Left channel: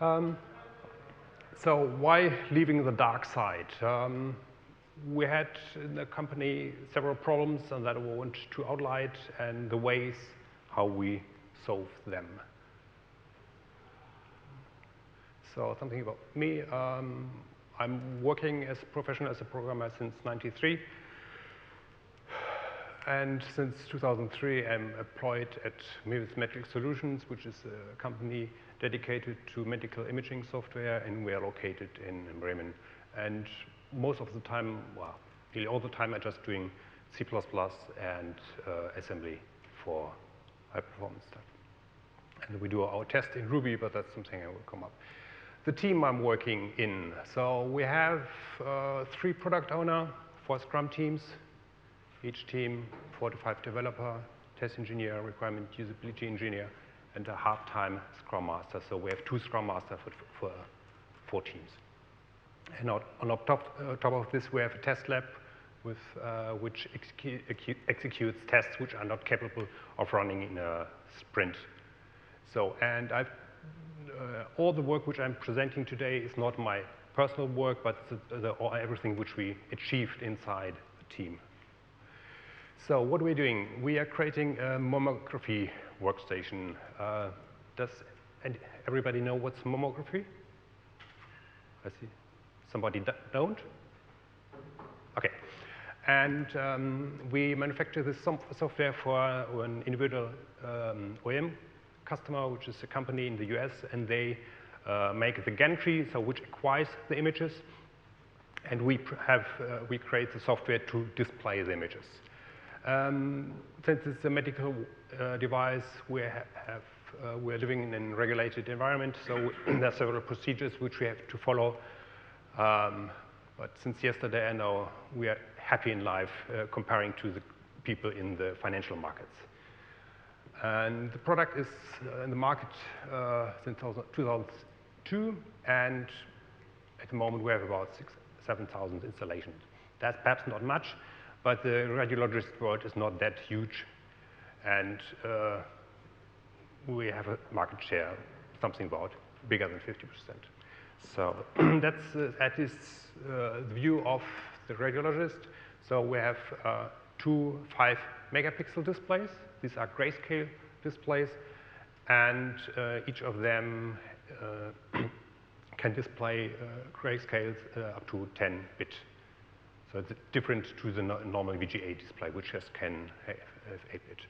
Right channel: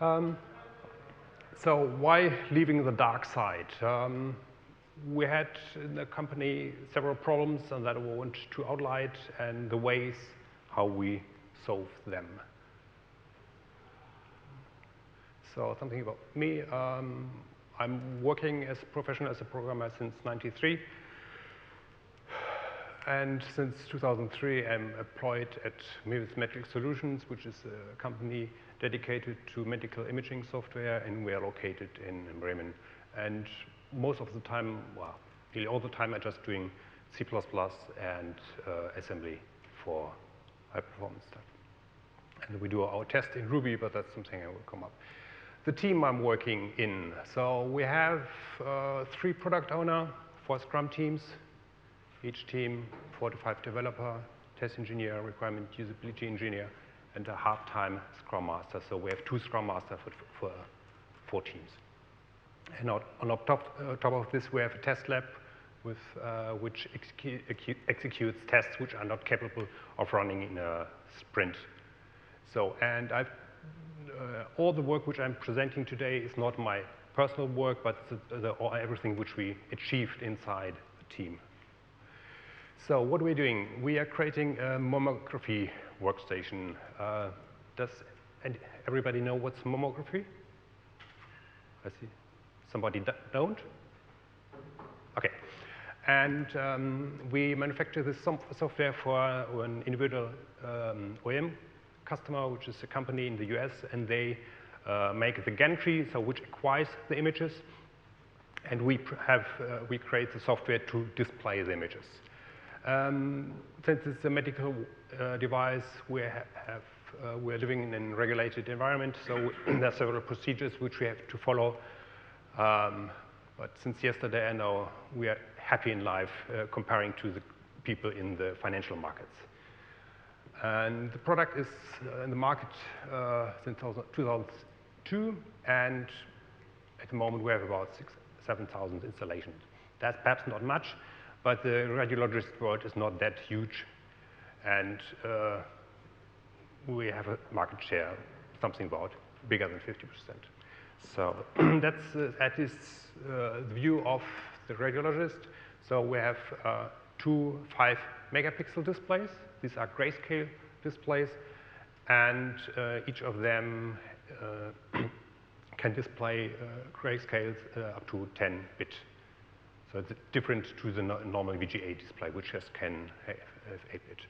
So why leaving the dark side? We had in the company several problems and that I want to outline and the ways how we solve them. So something about me. I'm working as a professional, as a programmer since '93. And since 2003, I'm employed at Medical Solutions, which is a company dedicated to medical imaging software, and we are located in Bremen. And most of the time, well, nearly all the time, I'm just doing C++ and assembly for high-performance stuff. And we do our test in Ruby, but that's something I will come up. The team I'm working in. So we have 3 product owners, 4 Scrum teams. Each team, 4 to 5 developer, test engineer, requirement usability engineer, and a half-time Scrum Master. So we have 2 Scrum Masters for 4 teams. And on top of this, we have a test lab with, which executes tests which are not capable of running in a sprint. So, and all the work which I'm presenting today is not my personal work, but everything which we achieved inside the team. So what are we doing? We are creating a mammography workstation. Does everybody know what's mammography? I see. Somebody don't? Okay. And we manufacture this software for an individual OEM customer, which is a company in the US, and they make the gantry, so which acquires the images, and we create the software to display the images. Since it's a medical device, we're living in a regulated environment, so there are several procedures which we have to follow. But since yesterday, I know we are happy in life comparing to the people in the financial markets. And the product is in the market since 2002, and at the moment we have about 7,000 installations. That's perhaps not much, but the radiologist world is not that huge, and we have a market share, something about bigger than 50%. So that is the view of the radiologist. So we have 2 5-megapixel displays. These are grayscale displays, and each of them can display grayscales up to 10-bit. So it's different to the normal VGA display, which just can have 8-bit.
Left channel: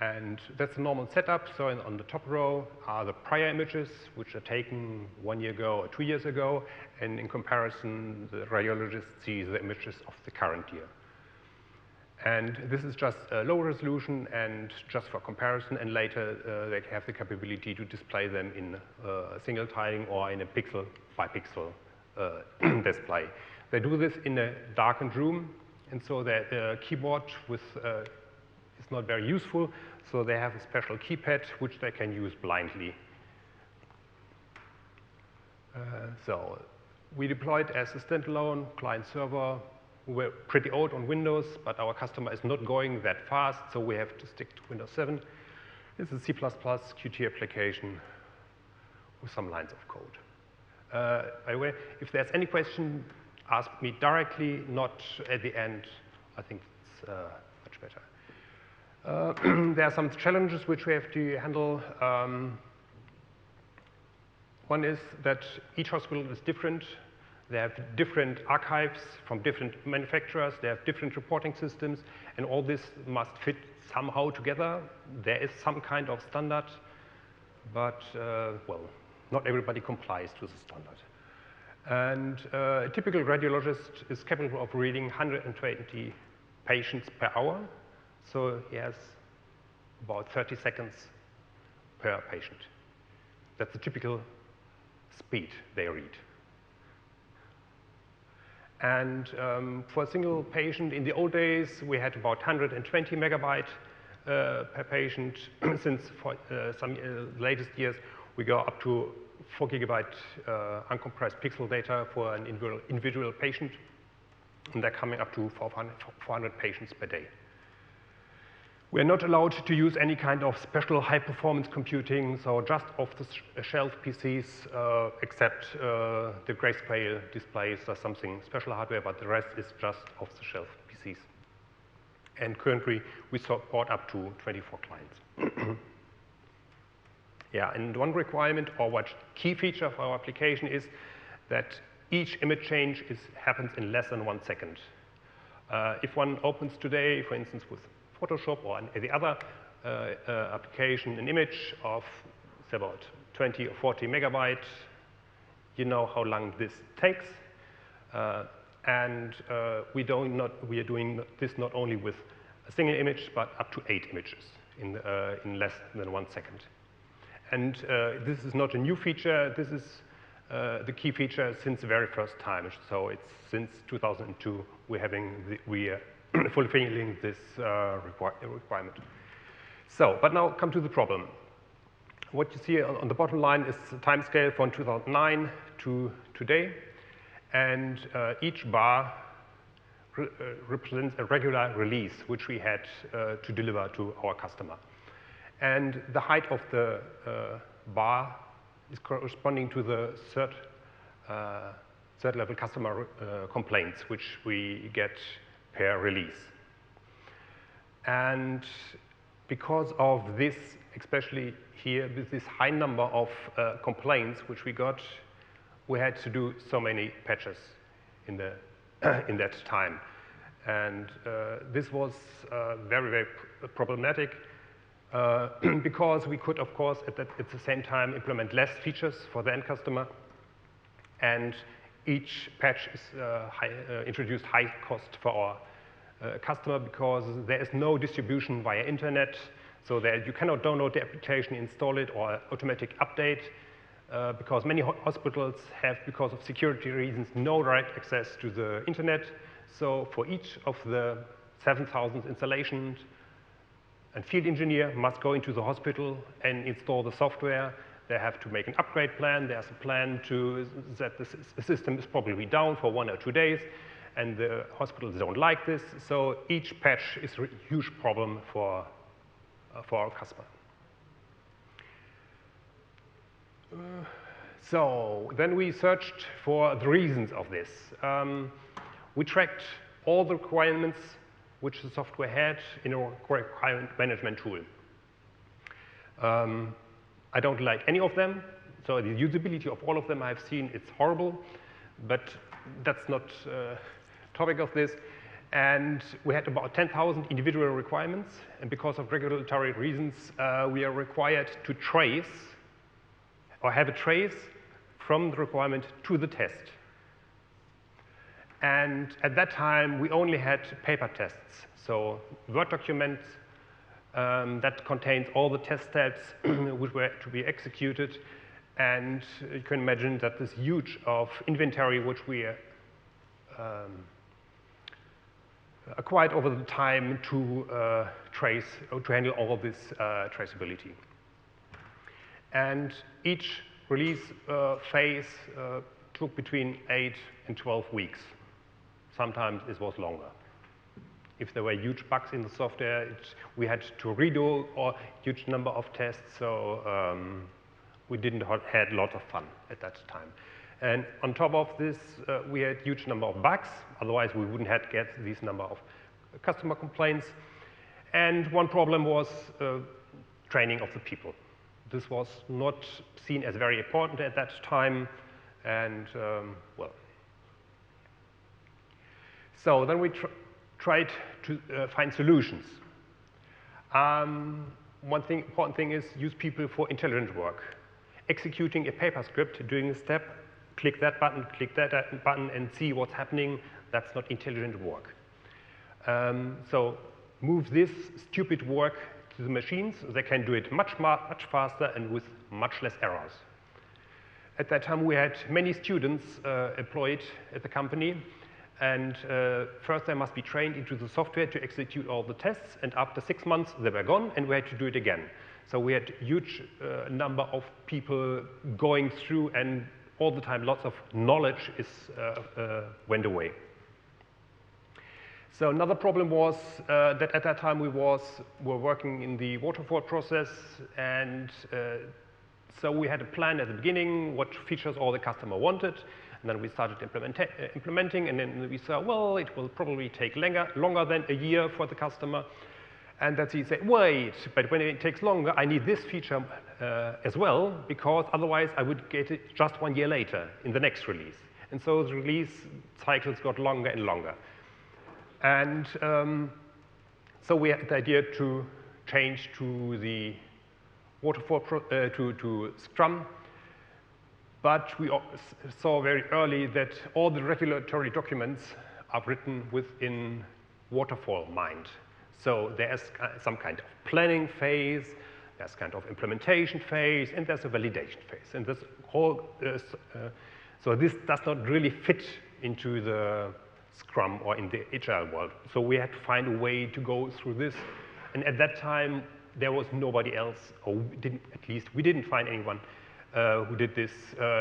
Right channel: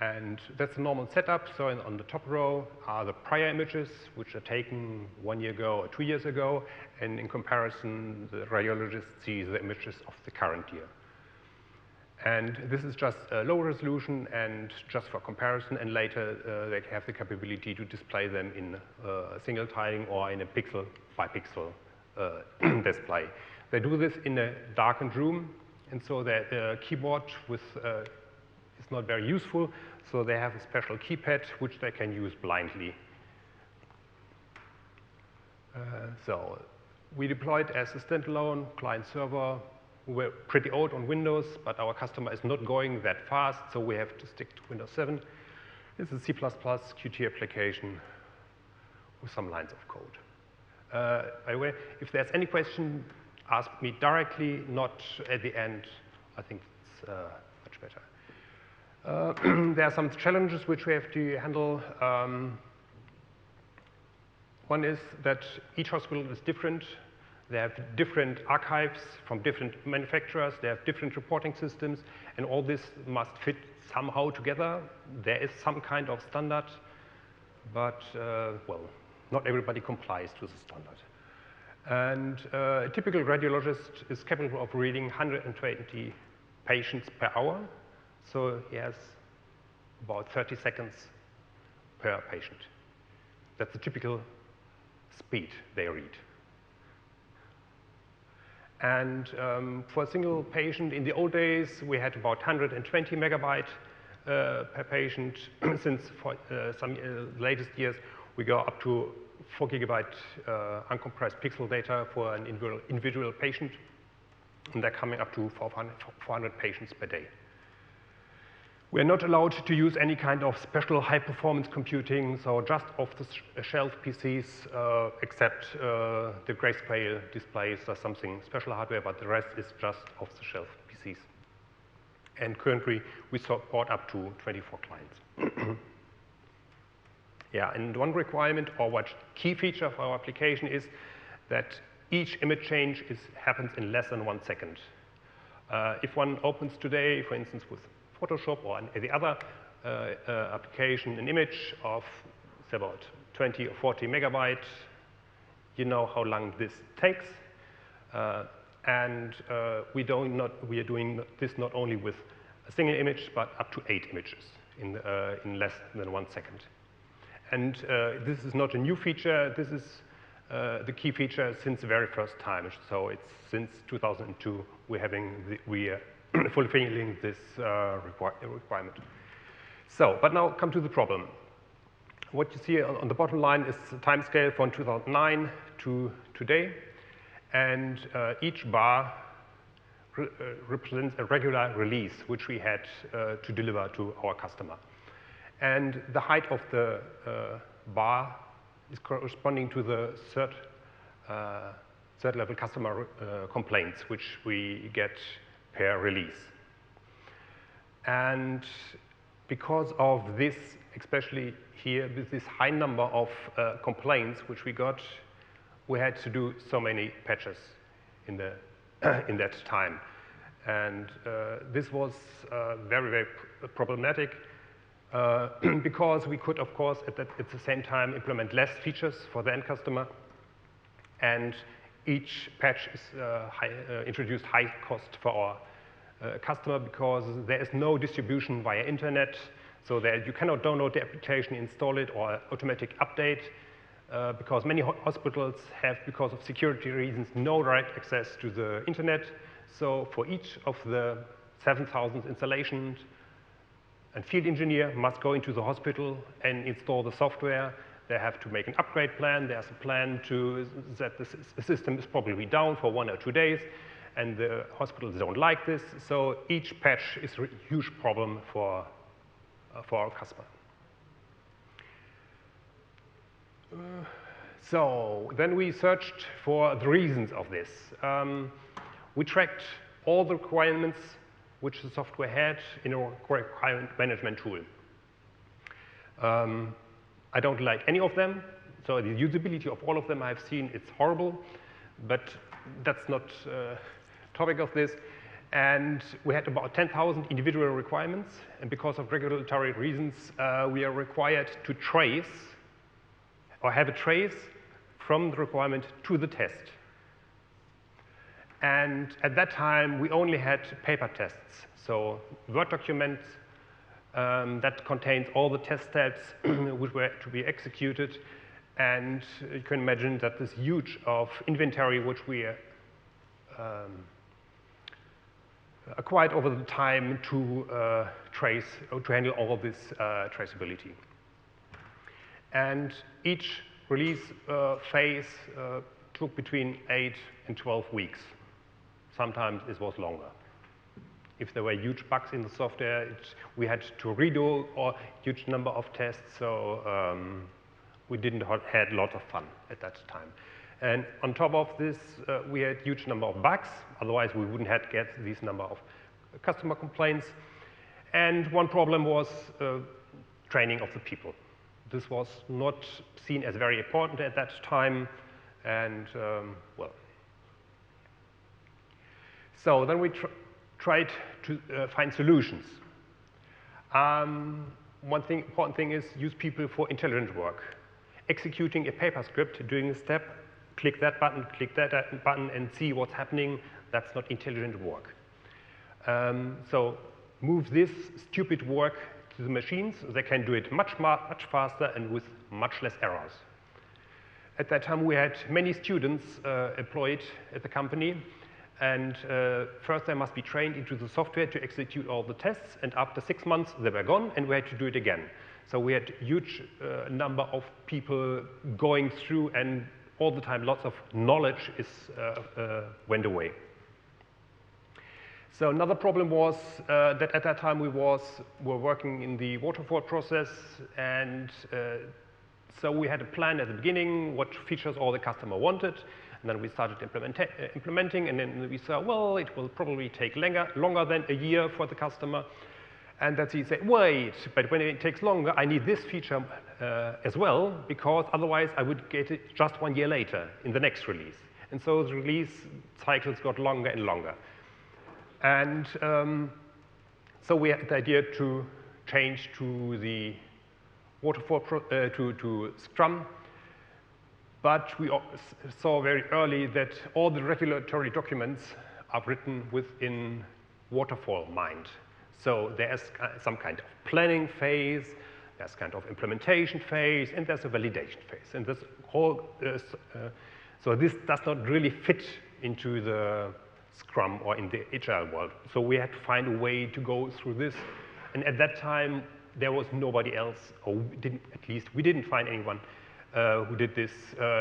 And that's the normal setup. So on the top row are the prior images, which are taken 1 year ago or 2 years ago. And in comparison, the radiologist sees the images of the current year. And this is just a low resolution and just for comparison. And later, they have the capability to display them in single tiling or in a pixel by pixel display. They do this in a darkened room, and so the keyboard is not very useful, so they have a special keypad which they can use blindly. So we deployed as a standalone client server. We were pretty old on Windows, but our customer is not going that fast, so we have to stick to Windows 7. It's a C++ Qt application with some lines of code. By the way, if there's any question, ask me directly, not at the end. I think it's much better. There are some challenges which we have to handle. One is that each hospital is different. They have different archives from different manufacturers. They have different reporting systems, and all this must fit somehow together. There is some kind of standard, but well, not everybody complies to the standard. And a typical radiologist is capable of reading 120 patients per hour. So he has about 30 seconds per patient. That's the typical speed they read. And for a single patient, in the old days, we had about 120 megabytes per patient. Since for some latest years, we go up to 4 gigabyte uncompressed pixel data for an individual patient, and they're coming up to 400 patients per day. We're not allowed to use any kind of special high-performance computing, so just off-the-shelf PCs, except the grayscale displays or something special hardware, but the rest is just off-the-shelf PCs. And currently, we support up to 24 clients. Yeah, and one requirement or what key feature of our application is that each image change happens in less than 1 second. If one opens today, for instance, with Photoshop or any other application, an image of about 20 or 40 megabytes, you know how long this takes. We are doing this not only with a single image, but up to 8 images in less than 1 second. And this is not a new feature. This is the key feature since the very first time. So it's since 2002 we are fulfilling this requirement. So, but now come to the problem. What you see on the bottom line is the time scale from 2009 to today, and each bar represents a regular release which we had to deliver to our customer. And the height of the bar is corresponding to the third level customer complaints which we get per release. And because of this, especially here, with this high number of complaints which we got, we had to do so many patches in that time. And this was very, very problematic because we could, of course, at the same time implement less features for the end customer. And each patch is introduced high cost for our customer because there is no distribution via internet, so that you cannot download the application, install it, or automatic update, because many hospitals have, because of security reasons, no direct access to the internet. So for each of the 7,000 installations, a field engineer must go into the hospital and install the software. They have to make an upgrade plan. There's a plan that the system is probably down for 1 or 2 days, and the hospitals don't like this. So each patch is a huge problem for our customer. So then we searched for the reasons of this. We tracked all the requirements which the software had in a requirement management tool. I don't like any of them, so the usability of all of them I've seen, it's horrible, but that's not topic of this. And we had about 10,000 individual requirements, and because of regulatory reasons, we are required to trace or have a trace from the requirement to the test. And at that time, we only had paper tests, so Word documents that contains all the test steps which were to be executed. And you can imagine that this huge of inventory which we acquired over the time to handle all of this traceability. And each release phase took between 8 and 12 weeks. Sometimes it was longer. If there were huge bugs in the software, we had to redo a huge number of tests, so we didn't had a lot of fun at that time. And on top of this, we had huge number of bugs. Otherwise, we wouldn't have get this number of customer complaints. And one problem was training of the people. This was not seen as very important at that time, and well. So then we tried to find solutions. One important thing is use people for intelligent work. Executing a paper script, doing a step, click that button, and see what's happening, that's not intelligent work. So move this stupid work to the machines. They can do it much faster and with much less errors. At that time, we had many students employed at the company. And first, they must be trained into the software to execute all the tests. And after 6 months, they were gone, and we had to do it again. So we had a huge number of people going through, and all the time, lots of knowledge went away. So another problem was that at that time we were working in the waterfall process, and so we had a plan at the beginning what features all the customer wanted, and then we started implementing, and then we saw, well, it will probably take longer than a year for the customer. And that he said, wait, but when it takes longer, I need this feature as well, because otherwise I would get it just 1 year later in the next release. And so the release cycles got longer and longer. And so we had the idea to change to the waterfall, to Scrum. But we saw very early that all the regulatory documents are written within waterfall mind. So there's some kind of planning phase, there's kind of implementation phase, and there's a validation phase. And this whole, so this does not really fit into the Scrum or in the Agile world. So we had to find a way to go through this. And at that time, there was nobody else, or at least we didn't find anyone who did this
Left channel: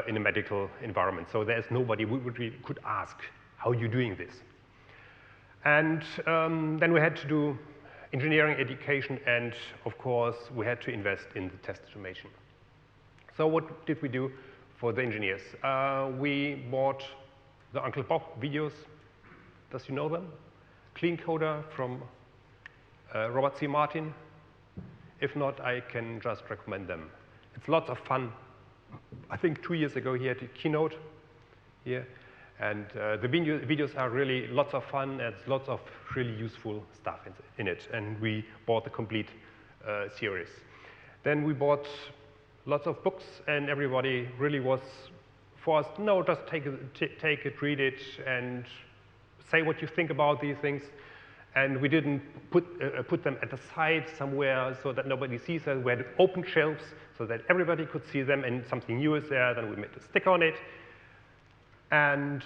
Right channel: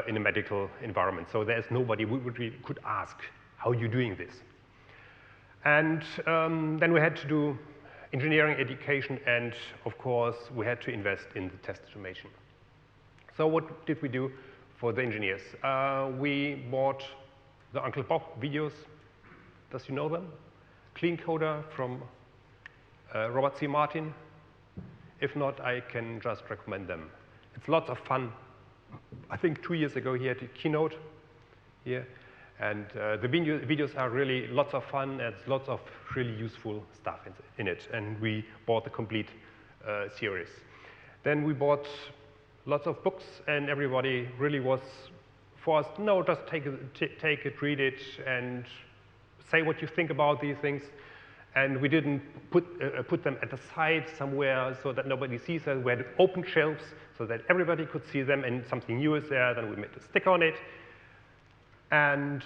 in a medical environment. So there's nobody we could ask, how are you doing this? And then we had to do engineering education, and of course, we had to invest in the test automation. So what did we do for the engineers? We bought the Uncle Bob videos. Does you know them? Clean Coder from Robert C. Martin. If not, I can just recommend them. It's lots of fun. I think 2 years ago he had a keynote here. And the videos are really lots of fun, and lots of really useful stuff in it. And we bought the complete series. Then we bought lots of books, and everybody really was forced, no, just take it, read it, and say what you think about these things. And we didn't put them at the side somewhere so that nobody sees them. We had open shelves so that everybody could see them, and something new is there, then we made a sticker on it. And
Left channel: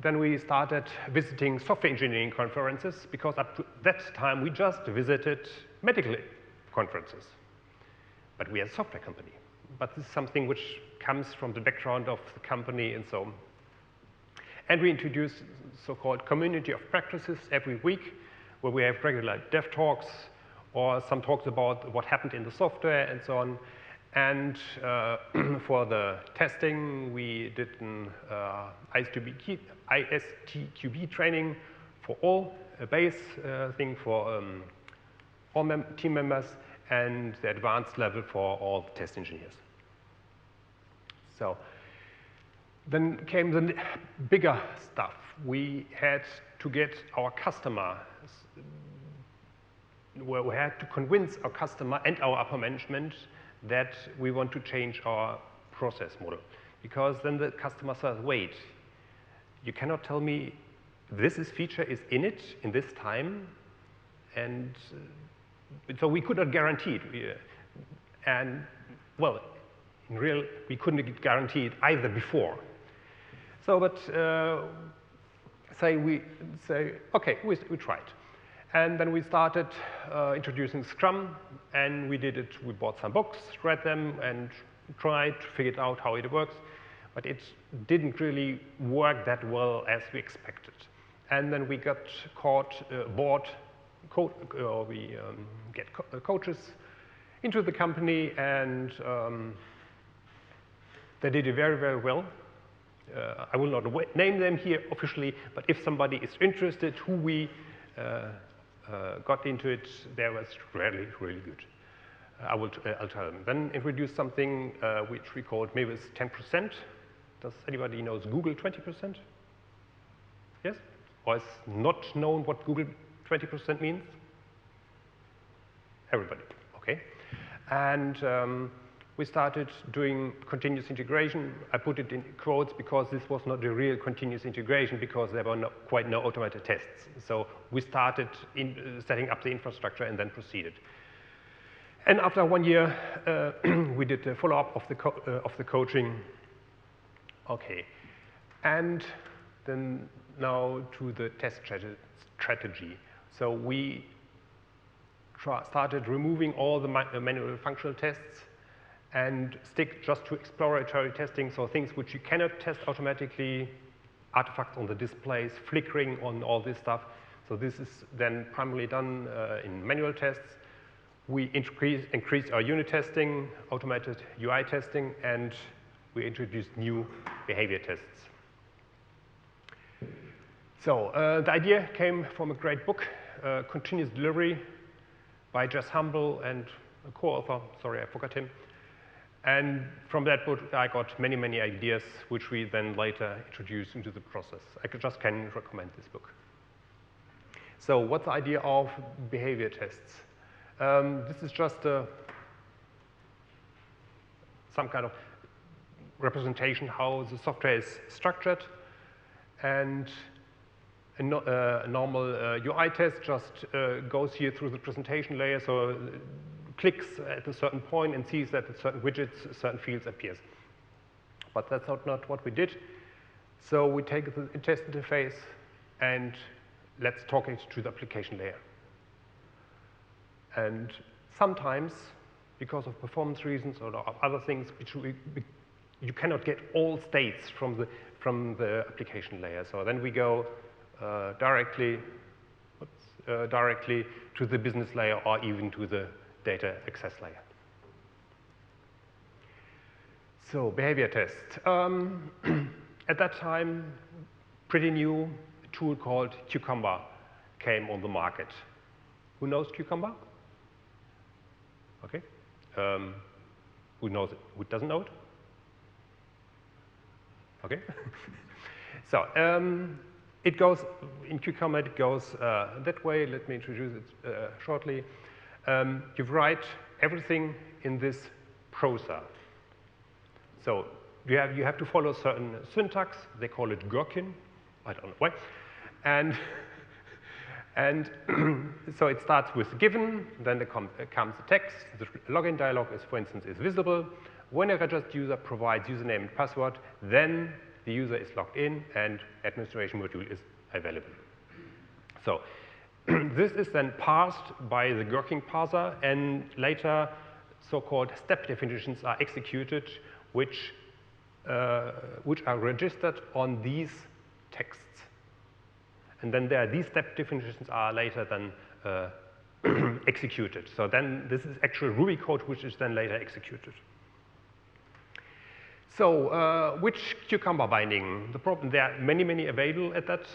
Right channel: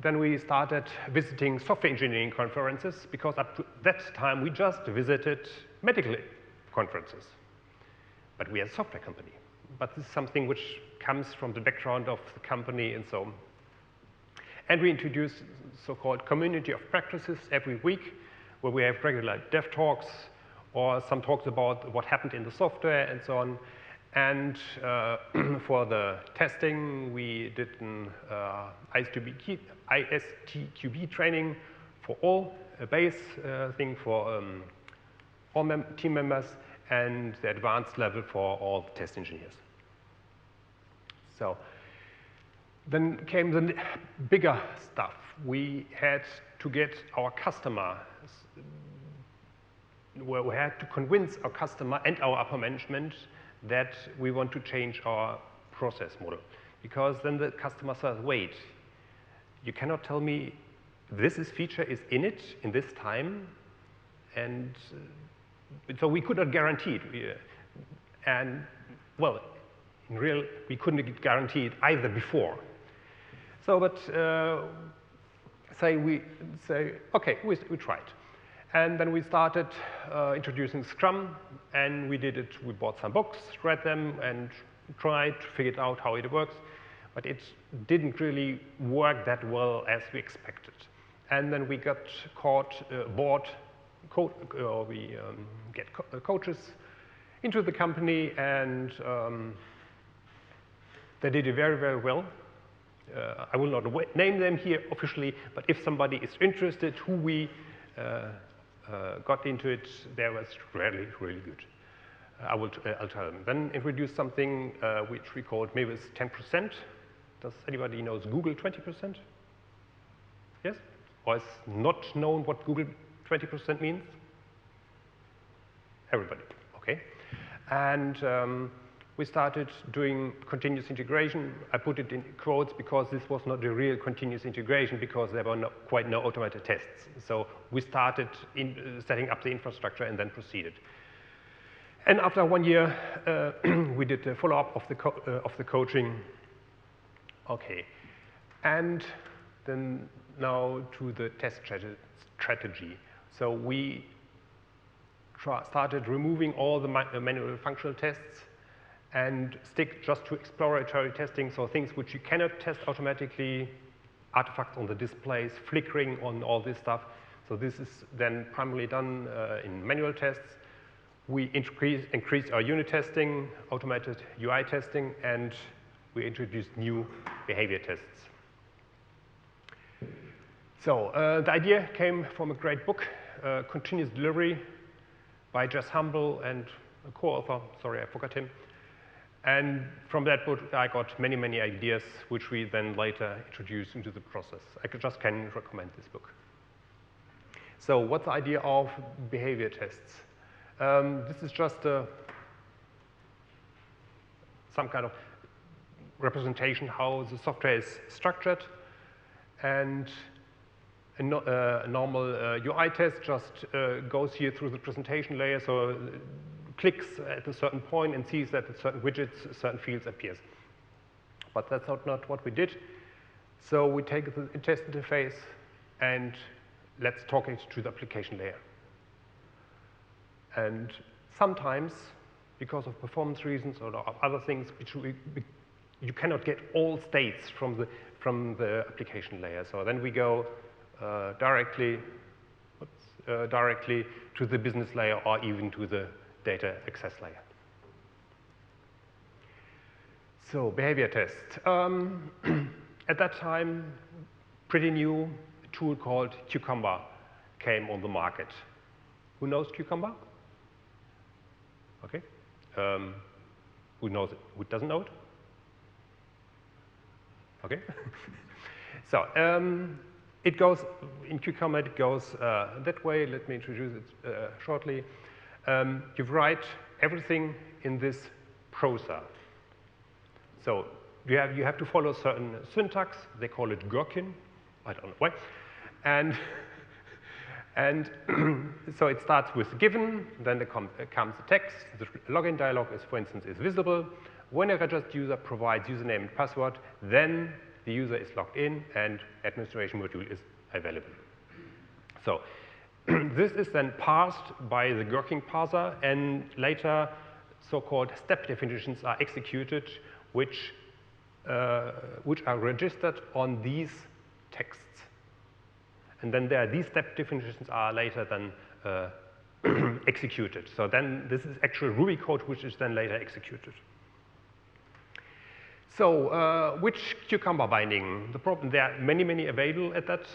then we started visiting software engineering conferences, because up to that time we just visited medical conferences. But we are a software company. But this is something which comes from the background of the company and so on. And we introduced so-called community of practices every week, where we have regular dev talks or some talks about what happened in the software and so on. And for the testing, we did an ISTQB training for all, a base thing for all team members, and the advanced level for all the test engineers. So then came the bigger stuff. We had to get our customer, where we had to convince our customer and our upper management that we want to change our process model. Because then the customer says, wait, you cannot tell me this feature is in it in this time, and so we could not guarantee it. And well, in real, we couldn't guarantee it either before. So, but we say, okay, we tried. And then we started introducing Scrum, and we did it. We bought some books, read them, and tried to figure out how it works. But it didn't really work that well as we expected. And then we got we get coaches into the company, and they did it very, very well. I will not name them here officially, but if somebody is interested who we got into it, there was really, really good. I'll tell them. Then introduce something which we called maybe 10%. Does anybody knows Google 20%? Yes? Or is not known what Google 20% means? Everybody, okay. And we started doing continuous integration. I put it in quotes because this was not the real continuous integration, because there were quite no automated tests. So we started setting up the infrastructure and then proceeded. And after 1 year, we did the follow-up of the coaching. Okay, and then now to the test strategy. So we started removing all the manual functional tests and stick just to exploratory testing, so things which you cannot test automatically, artifacts on the displays, flickering on all this stuff. So this is then primarily done in manual tests. We increased our unit testing, automated UI testing, and we introduced new behavior tests. So the idea came from a great book, Continuous Delivery, by Jess Humble and a co-author, sorry, I forgot him. And from that book, I got many, many ideas, which we then later introduced into the process. I just can recommend this book. So what's the idea of behavior tests? This is just some kind of representation how the software is structured. And a normal UI test just goes here through the presentation layer, so clicks at a certain point and sees that certain widgets, certain fields appears. But that's not what we did. So we take the test interface and let's talk it to the application layer. And sometimes, because of performance reasons or other things, you cannot get all states from the application layer. So then we go directly to the business layer or even to the data access layer. So behavior test. At that time, pretty new, a tool called Cucumber came on the market. Who knows Cucumber? Okay. Who knows it? Who doesn't know it? Okay. So it goes, in Cucumber, it goes that way. Let me introduce it shortly. You write everything in this prosa. So you have to follow certain syntax. They call it gherkin. I don't know why. And so it starts with given, then there comes a text. The login dialog is, for instance, is visible. When a registered user provides username and password, then the user is logged in and administration module is available. So this is then parsed by the gherkin parser, and later so-called step definitions are executed, which are registered on these texts. And then these step definitions are later then executed. So then this is actual Ruby code which is then later executed. So which Cucumber binding? The problem, there are many, many available at that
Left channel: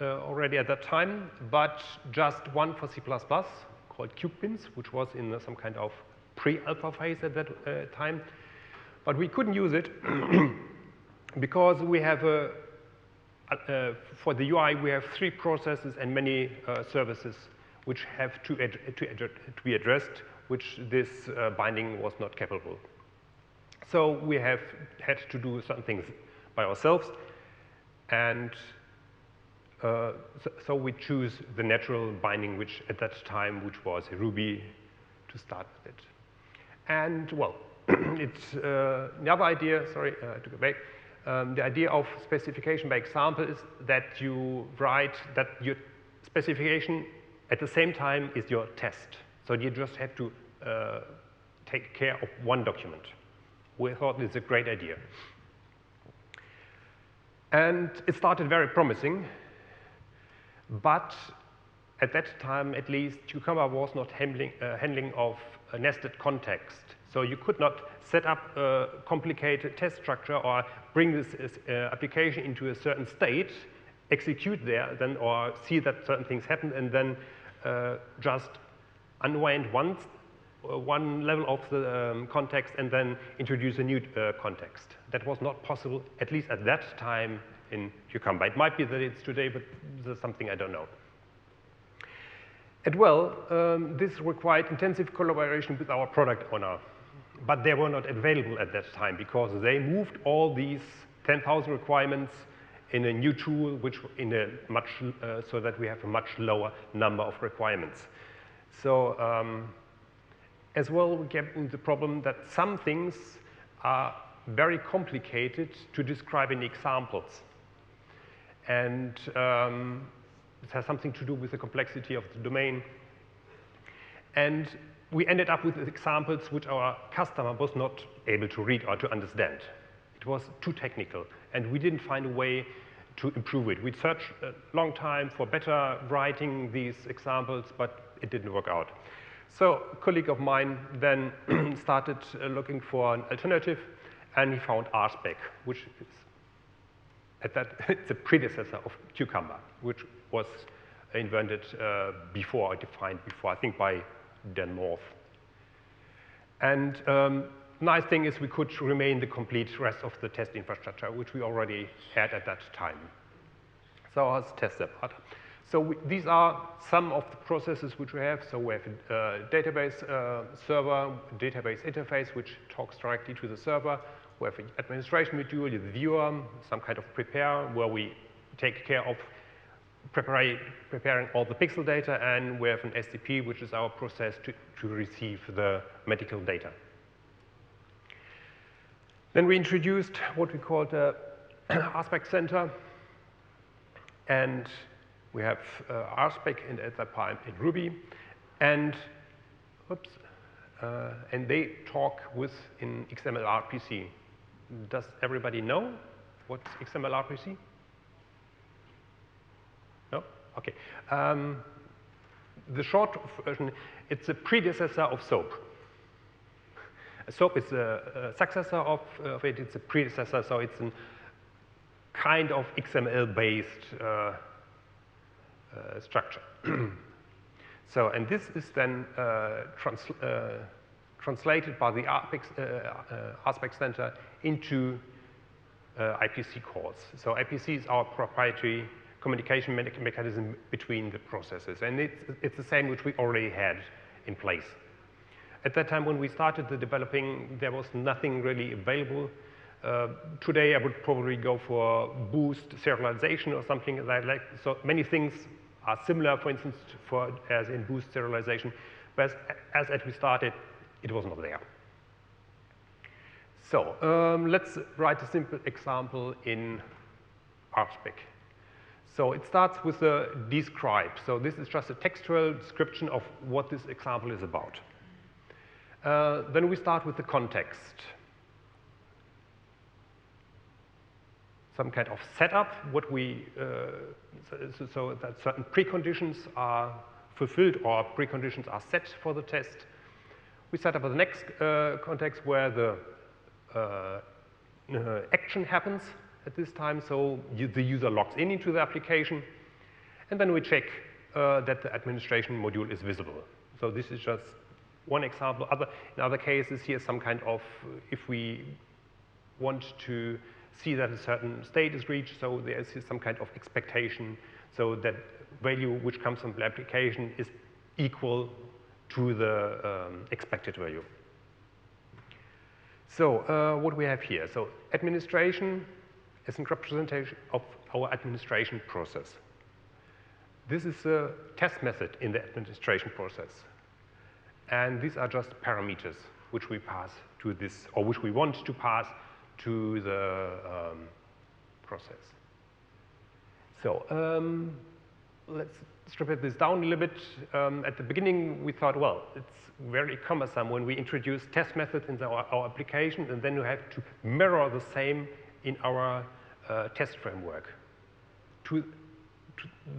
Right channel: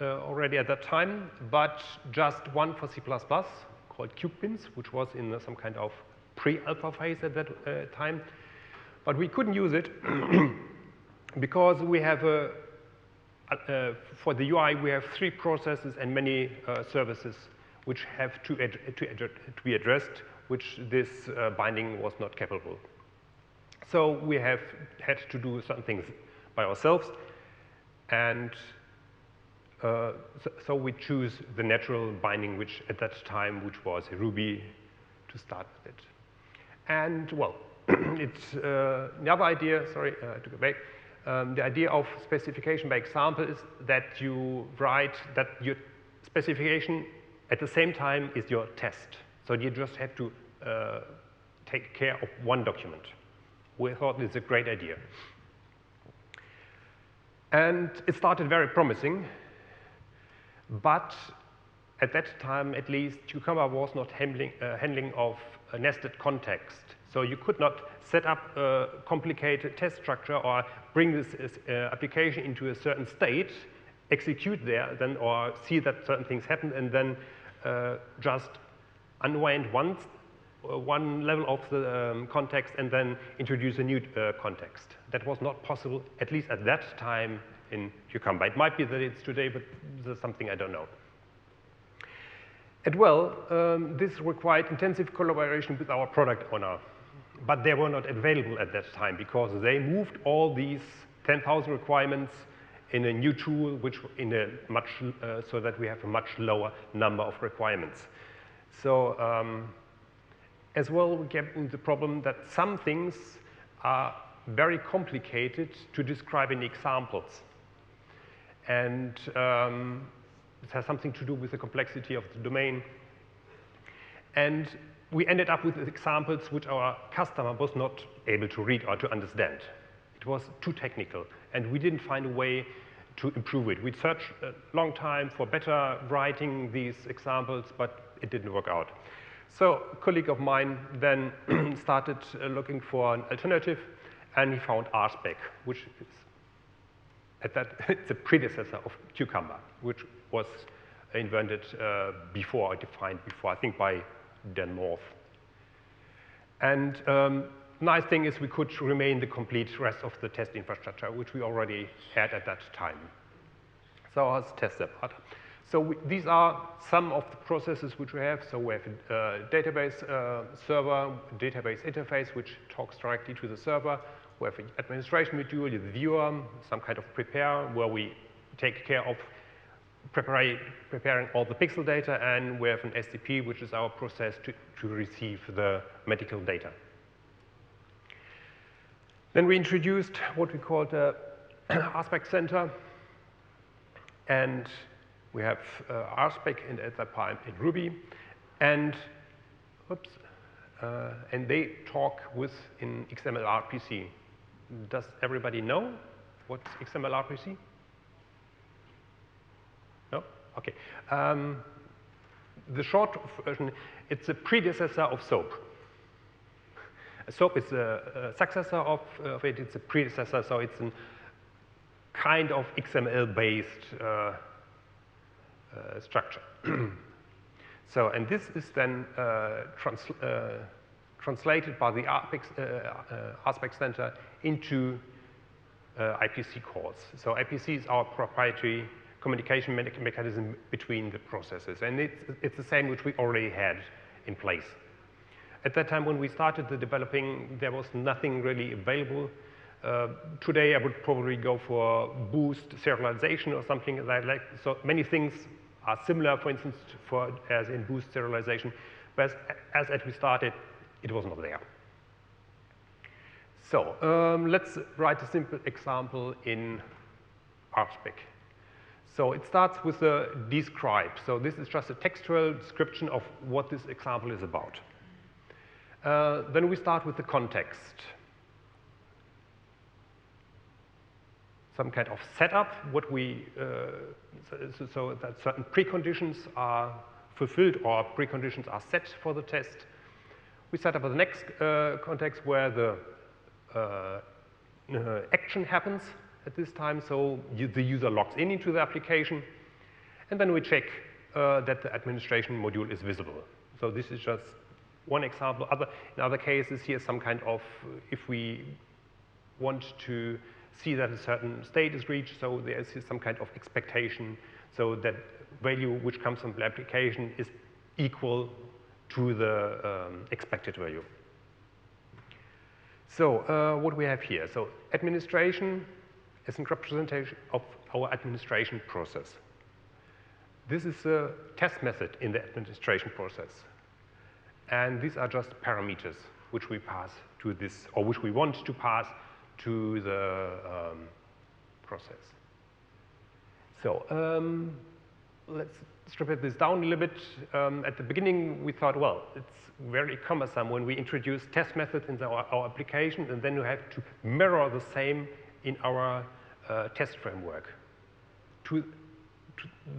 already at that time, but just one for C++ called CubeBins, which was in some kind of pre-alpha phase at that time. But we couldn't use it because we have for the UI, we have 3 processes and many services which have to be addressed, which this binding was not capable. So we have had to do certain things by ourselves, and so we choose the natural binding, which at that time, which was Ruby, to start with it. And well, it's the other idea. Sorry, I took it back. The idea of specification by example is that you write that your specification at the same time is your test. So you just have to take care of one document. We thought it's a great idea. And it started very promising, but at that time, at least, Cucumber was not handling of a nested context. So you could not set up a complicated test structure or bring this application into a certain state, execute there, then or see that certain things happen, and then just unwind one level of the context and then introduce a new context. That was not possible, at least at that time in Cucumber. It might be that it's today, but this is something I don't know. And well, this required intensive collaboration with our product owner, but they were not available at that time because they moved all these 10,000 requirements in a new tool, which in a much so that we have a much lower number of requirements. So as well, we get into the problem that some things are very complicated to describe in examples, and it has something to do with the complexity of the domain. And we ended up with examples which our customer was not able to read or to understand. It was too technical, and we didn't find a way to improve it. We searched a long time for better writing these examples, but it didn't work out. So a colleague of mine then started looking for an alternative, and he found RSpec, which is it's a predecessor of Cucumber, which was invented before, or defined before, I think by Dan North. And nice thing is we could remain the complete rest of the test infrastructure, which we already had at that time. So let's test that part. So these are some of the processes which we have. So we have a database server, database interface, which talks directly to the server. We have an administration module, the viewer, some kind of prepare, where we take care of preparing all the pixel data, and we have an SDP, which is our process to receive the medical data. Then we introduced what we called a RSpec center, and we have RSpec at that time in Ruby, and they talk in XMLRPC. Does everybody know what's XMLRPC? No? Okay. The short version, it's a predecessor of SOAP. SOAP is a successor of it, it's a predecessor, so it's a kind of XML-based structure. So, and this is then translated by the RSpec Center into IPC calls. So IPC is our proprietary communication mechanism between the processes, and it's the same which we already had in place. At that time when we started the developing, there was nothing really available. Today I would probably go for boost serialization or something like that. So many things are similar, for instance, as in boost serialization, but as we started, it was not there. So let's write a simple example in RSpec. So it starts with a describe. So this is just a textual description of what this example is about. Then we start with the context. Some kind of setup, so that certain preconditions are fulfilled or preconditions are set for the test. We set up the next context where the action happens at this time, so the user logs into the application, and then we check that the administration module is visible. So this is just one example. In other cases, here's some kind of, if we want to see that a certain state is reached, so there is some kind of expectation, so that value which comes from the application is equal to the expected value. So what we have here, so administration is a representation of our administration process. This is a test method in the administration process. And these are just parameters which we pass to this, or which we want to pass to the process. So let's strip this down a little bit. At the beginning, we thought, well, it's very cumbersome when we introduce test methods in our application, and then you have to mirror the same in our test framework.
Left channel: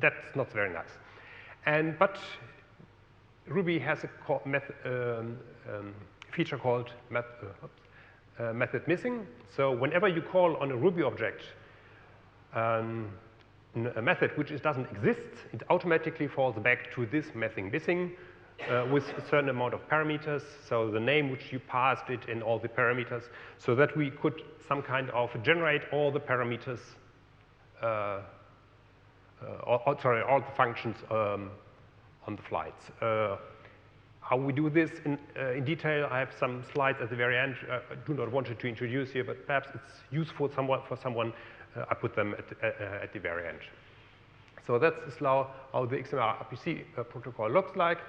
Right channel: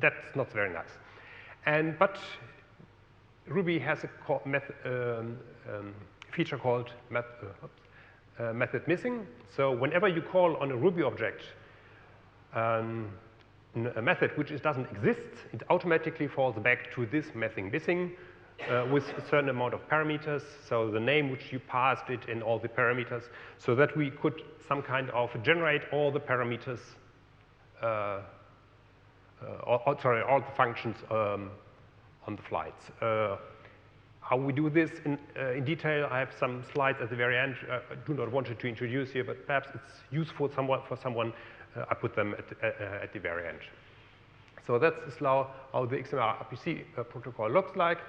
That's not very nice. But Ruby has a feature called method missing. So whenever you call on a Ruby object a method which doesn't exist, it automatically falls back to this method missing with a certain amount of parameters. So the name which you passed it in all the parameters, so that we could some kind of generate all the parameters, all the functions on the flights. How we do this in detail, I have some slides at the very end. I do not want to introduce here, but perhaps it's useful for someone. I put them at the very end. So that's how the XMLRPC protocol looks like.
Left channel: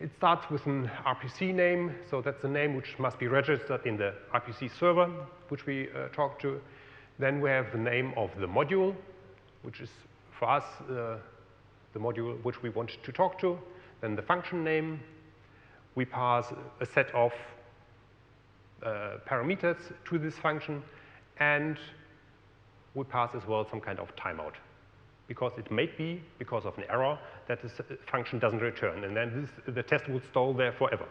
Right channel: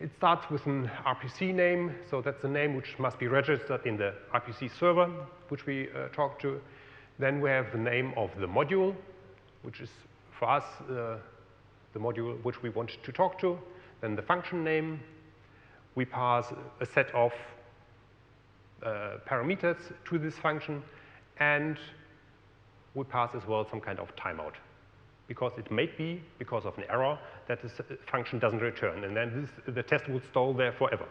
It starts with an RPC name, so that's the name which must be registered in the RPC server, which we talk to. Then we have the name of the module, which is for us the module which we want to talk to. Then the function name. We pass a set of parameters to this function, and we pass as well some kind of timeout. Because it may be, because of an error, that this function doesn't return, and then the test would stall there forever.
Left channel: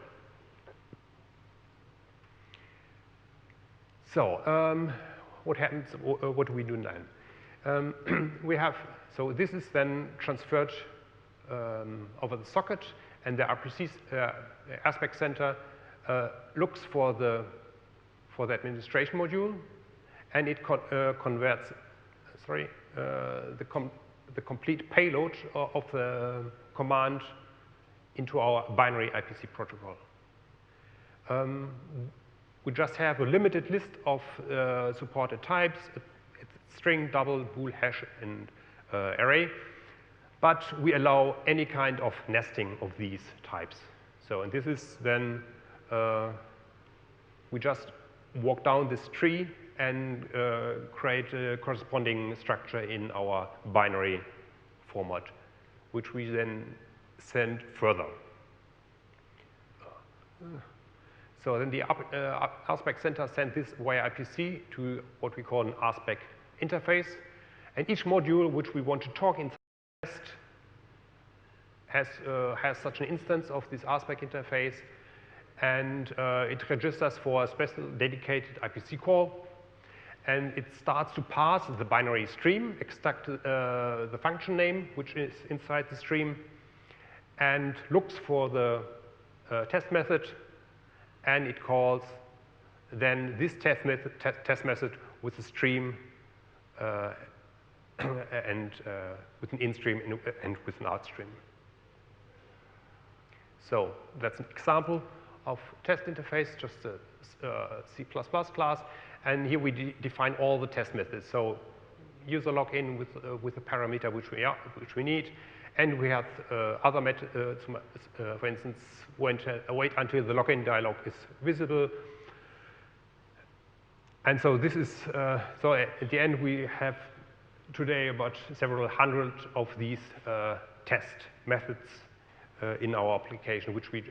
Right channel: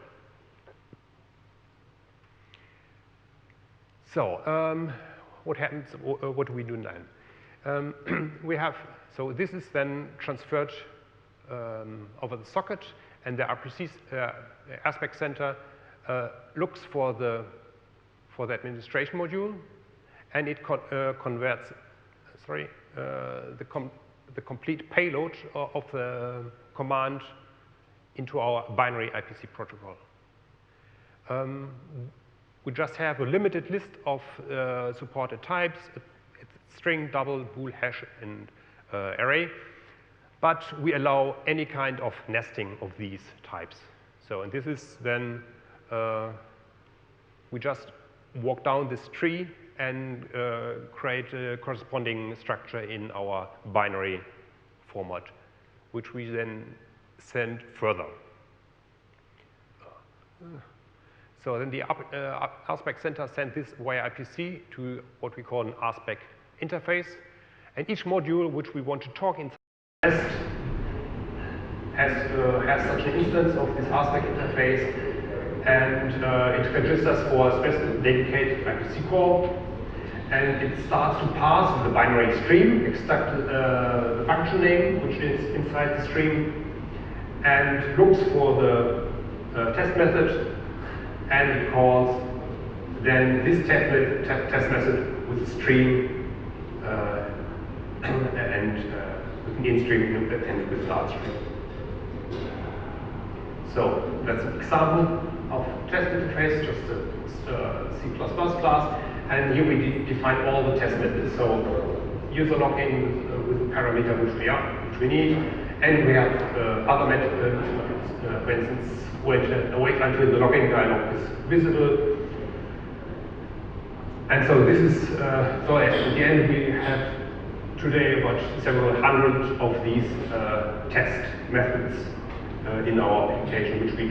So, what happens, what do we do then? So this is then transferred over the socket, and the RPC aspect center looks for the administration module, and it converts, the complete payload of the command into our binary IPC protocol. We just have a limited list of supported types, it's string, double, bool, hash, and array, but we allow any kind of nesting of these types. So, and this is then, we just walk down this tree and create a corresponding structure in our binary format, which we then send further. So then the RSpec center sends this via IPC to what we call an RSpec interface, and each module which we want to talk in has such an instance of this RSpec interface, and it registers for a specific dedicated IPC call, and it starts to parse the binary stream, extract the function name which is inside the stream, and looks for the test method, and it calls then this test method with stream and with main stream and with last stream. So that's an example of test interface, just a C++ class, and here we define all the test methods. So user login with parameter which we need, and we have other methods, for instance, wait until the login dialog is visible. And so this is, so at the end we have today about several hundred of these test methods in our application which we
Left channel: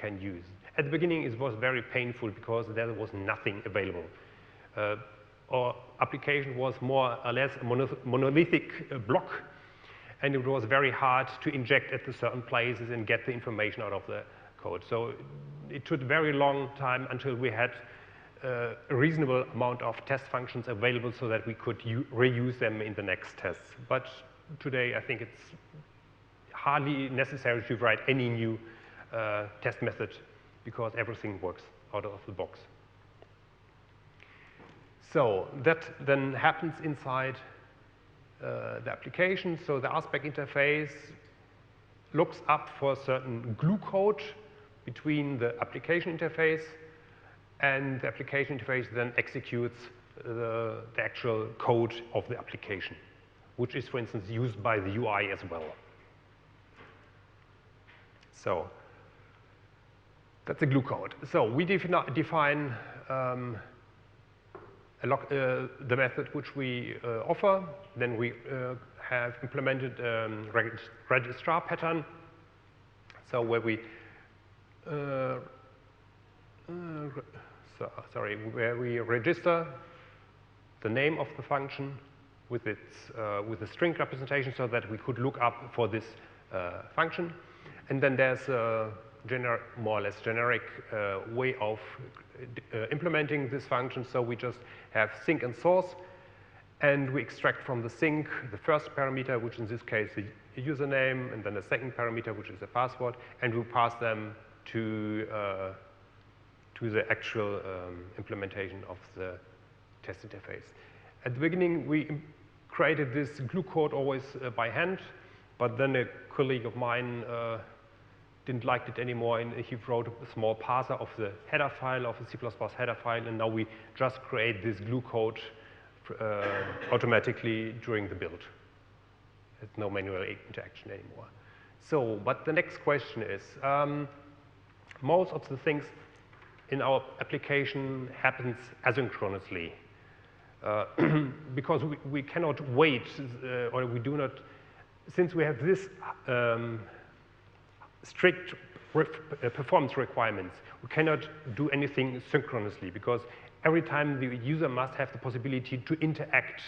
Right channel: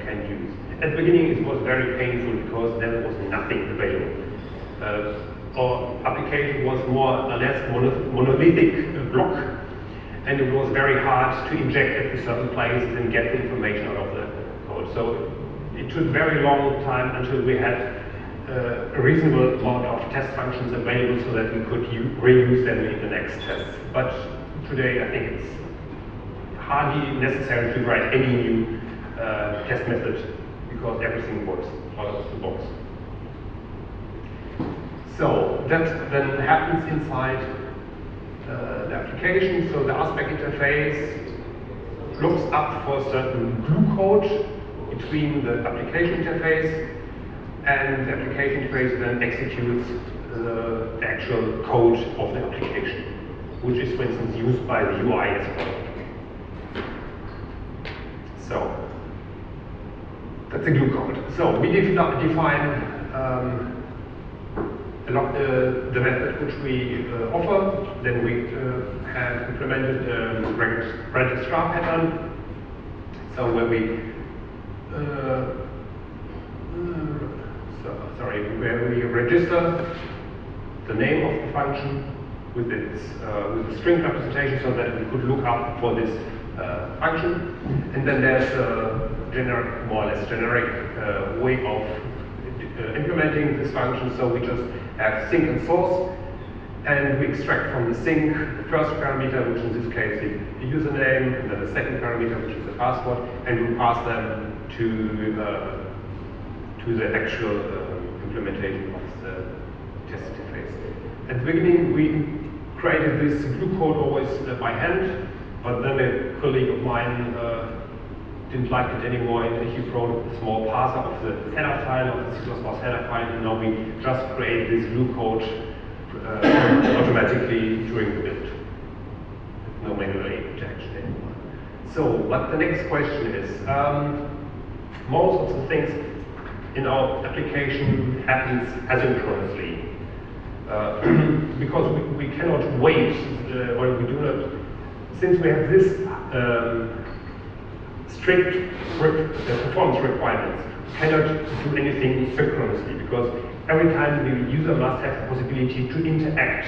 can use. At the beginning it was very painful because there was nothing available. Our application was more or less monolithic block, and it was very hard to inject at certain places and get information out of the code. So it took a very long time until we had a reasonable amount of test functions available so that we could reuse them in the next test. But today I think it's hardly necessary to write any new test method because everything works out of the box. So that then happens inside the application. So the RSpec interface looks up for certain glue code between the application interface, and the application interface then executes the actual code of the application, which is, for instance, used by the UI as well. So that's the glue code. So we define the method which we offer. Then we have implemented the registrar pattern. So where we where we register the name of the function with its with string representation, so that we could look up for this function. And then there's a more or less generic way of implementing this function. So we just have sync and source, and we extract from the sync the first parameter, which in this case is the username, and then the second parameter, which is the password, and we pass them to the actual implementation of the test interface. At the beginning, we created this glue code always by hand, but then a colleague of mine didn't like it anymore, and he wrote a small parser of the header file of the C++ header file, and now we just create this glue code automatically during the build. No manual protection anymore. So, what the next question is, most of the things in our application happens asynchronously. Because we cannot wait, or we do not, since we have this strict performance requirements, we cannot do anything synchronously, because every time the user must have the possibility to interact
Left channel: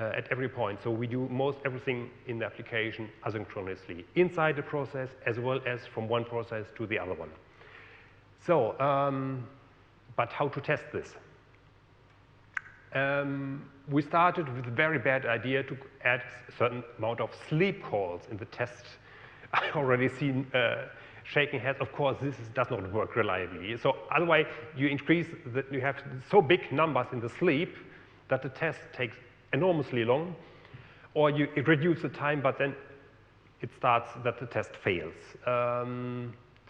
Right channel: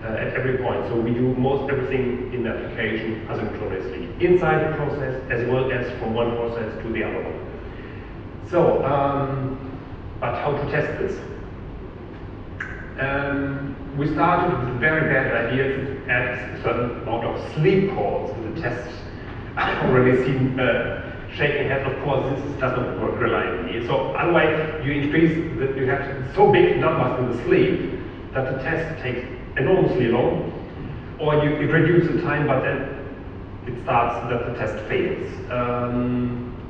at every point. So we do most everything in the application asynchronously, inside the process as well as from one process to the other one. So, but how to test this? We started with a very bad idea to add a certain amount of sleep calls in the test. I've already seen shaking head, of course, this doesn't work reliably. So otherwise, you increase you have so big numbers in the sleep that the test takes enormously long, or you reduce the time, but then it starts that the test fails.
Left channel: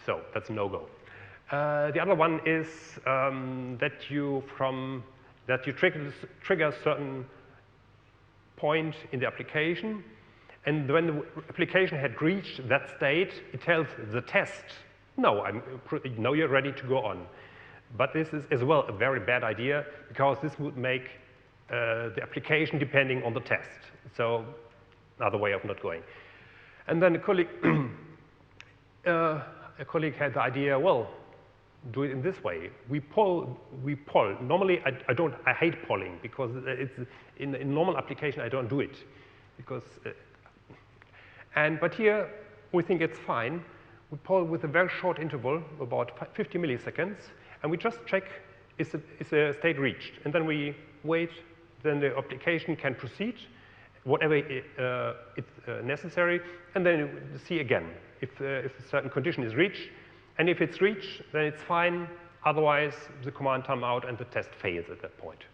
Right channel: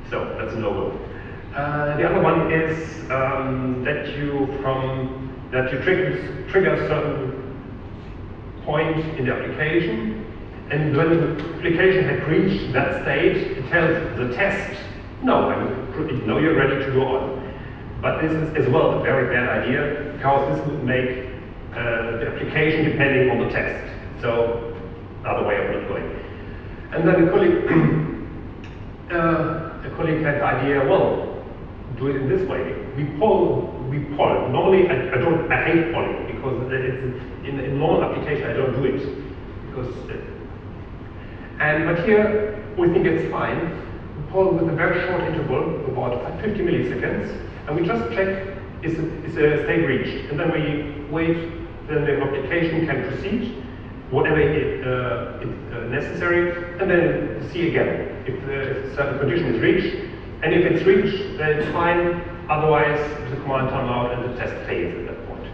So that's a no-go. The other one is that you trigger a certain point in the application, and when the application had reached that state, it tells the test, no, you're ready to go on. But this is as well a very bad idea, because this would make the application depending on the test. So, another way of doing it. And then a colleague had the idea, well, do it in this way. We poll. Normally, I hate polling, because in a normal application I don't do it. But here we think it's fine. We poll with a very short interval, about 50 milliseconds, and we just check is the state reached, and then we wait. Then the application can proceed, whatever is necessary, and then see again if the certain condition is reached. And if it's reached, then it's fine. Otherwise, the command time out and the test fails at that point.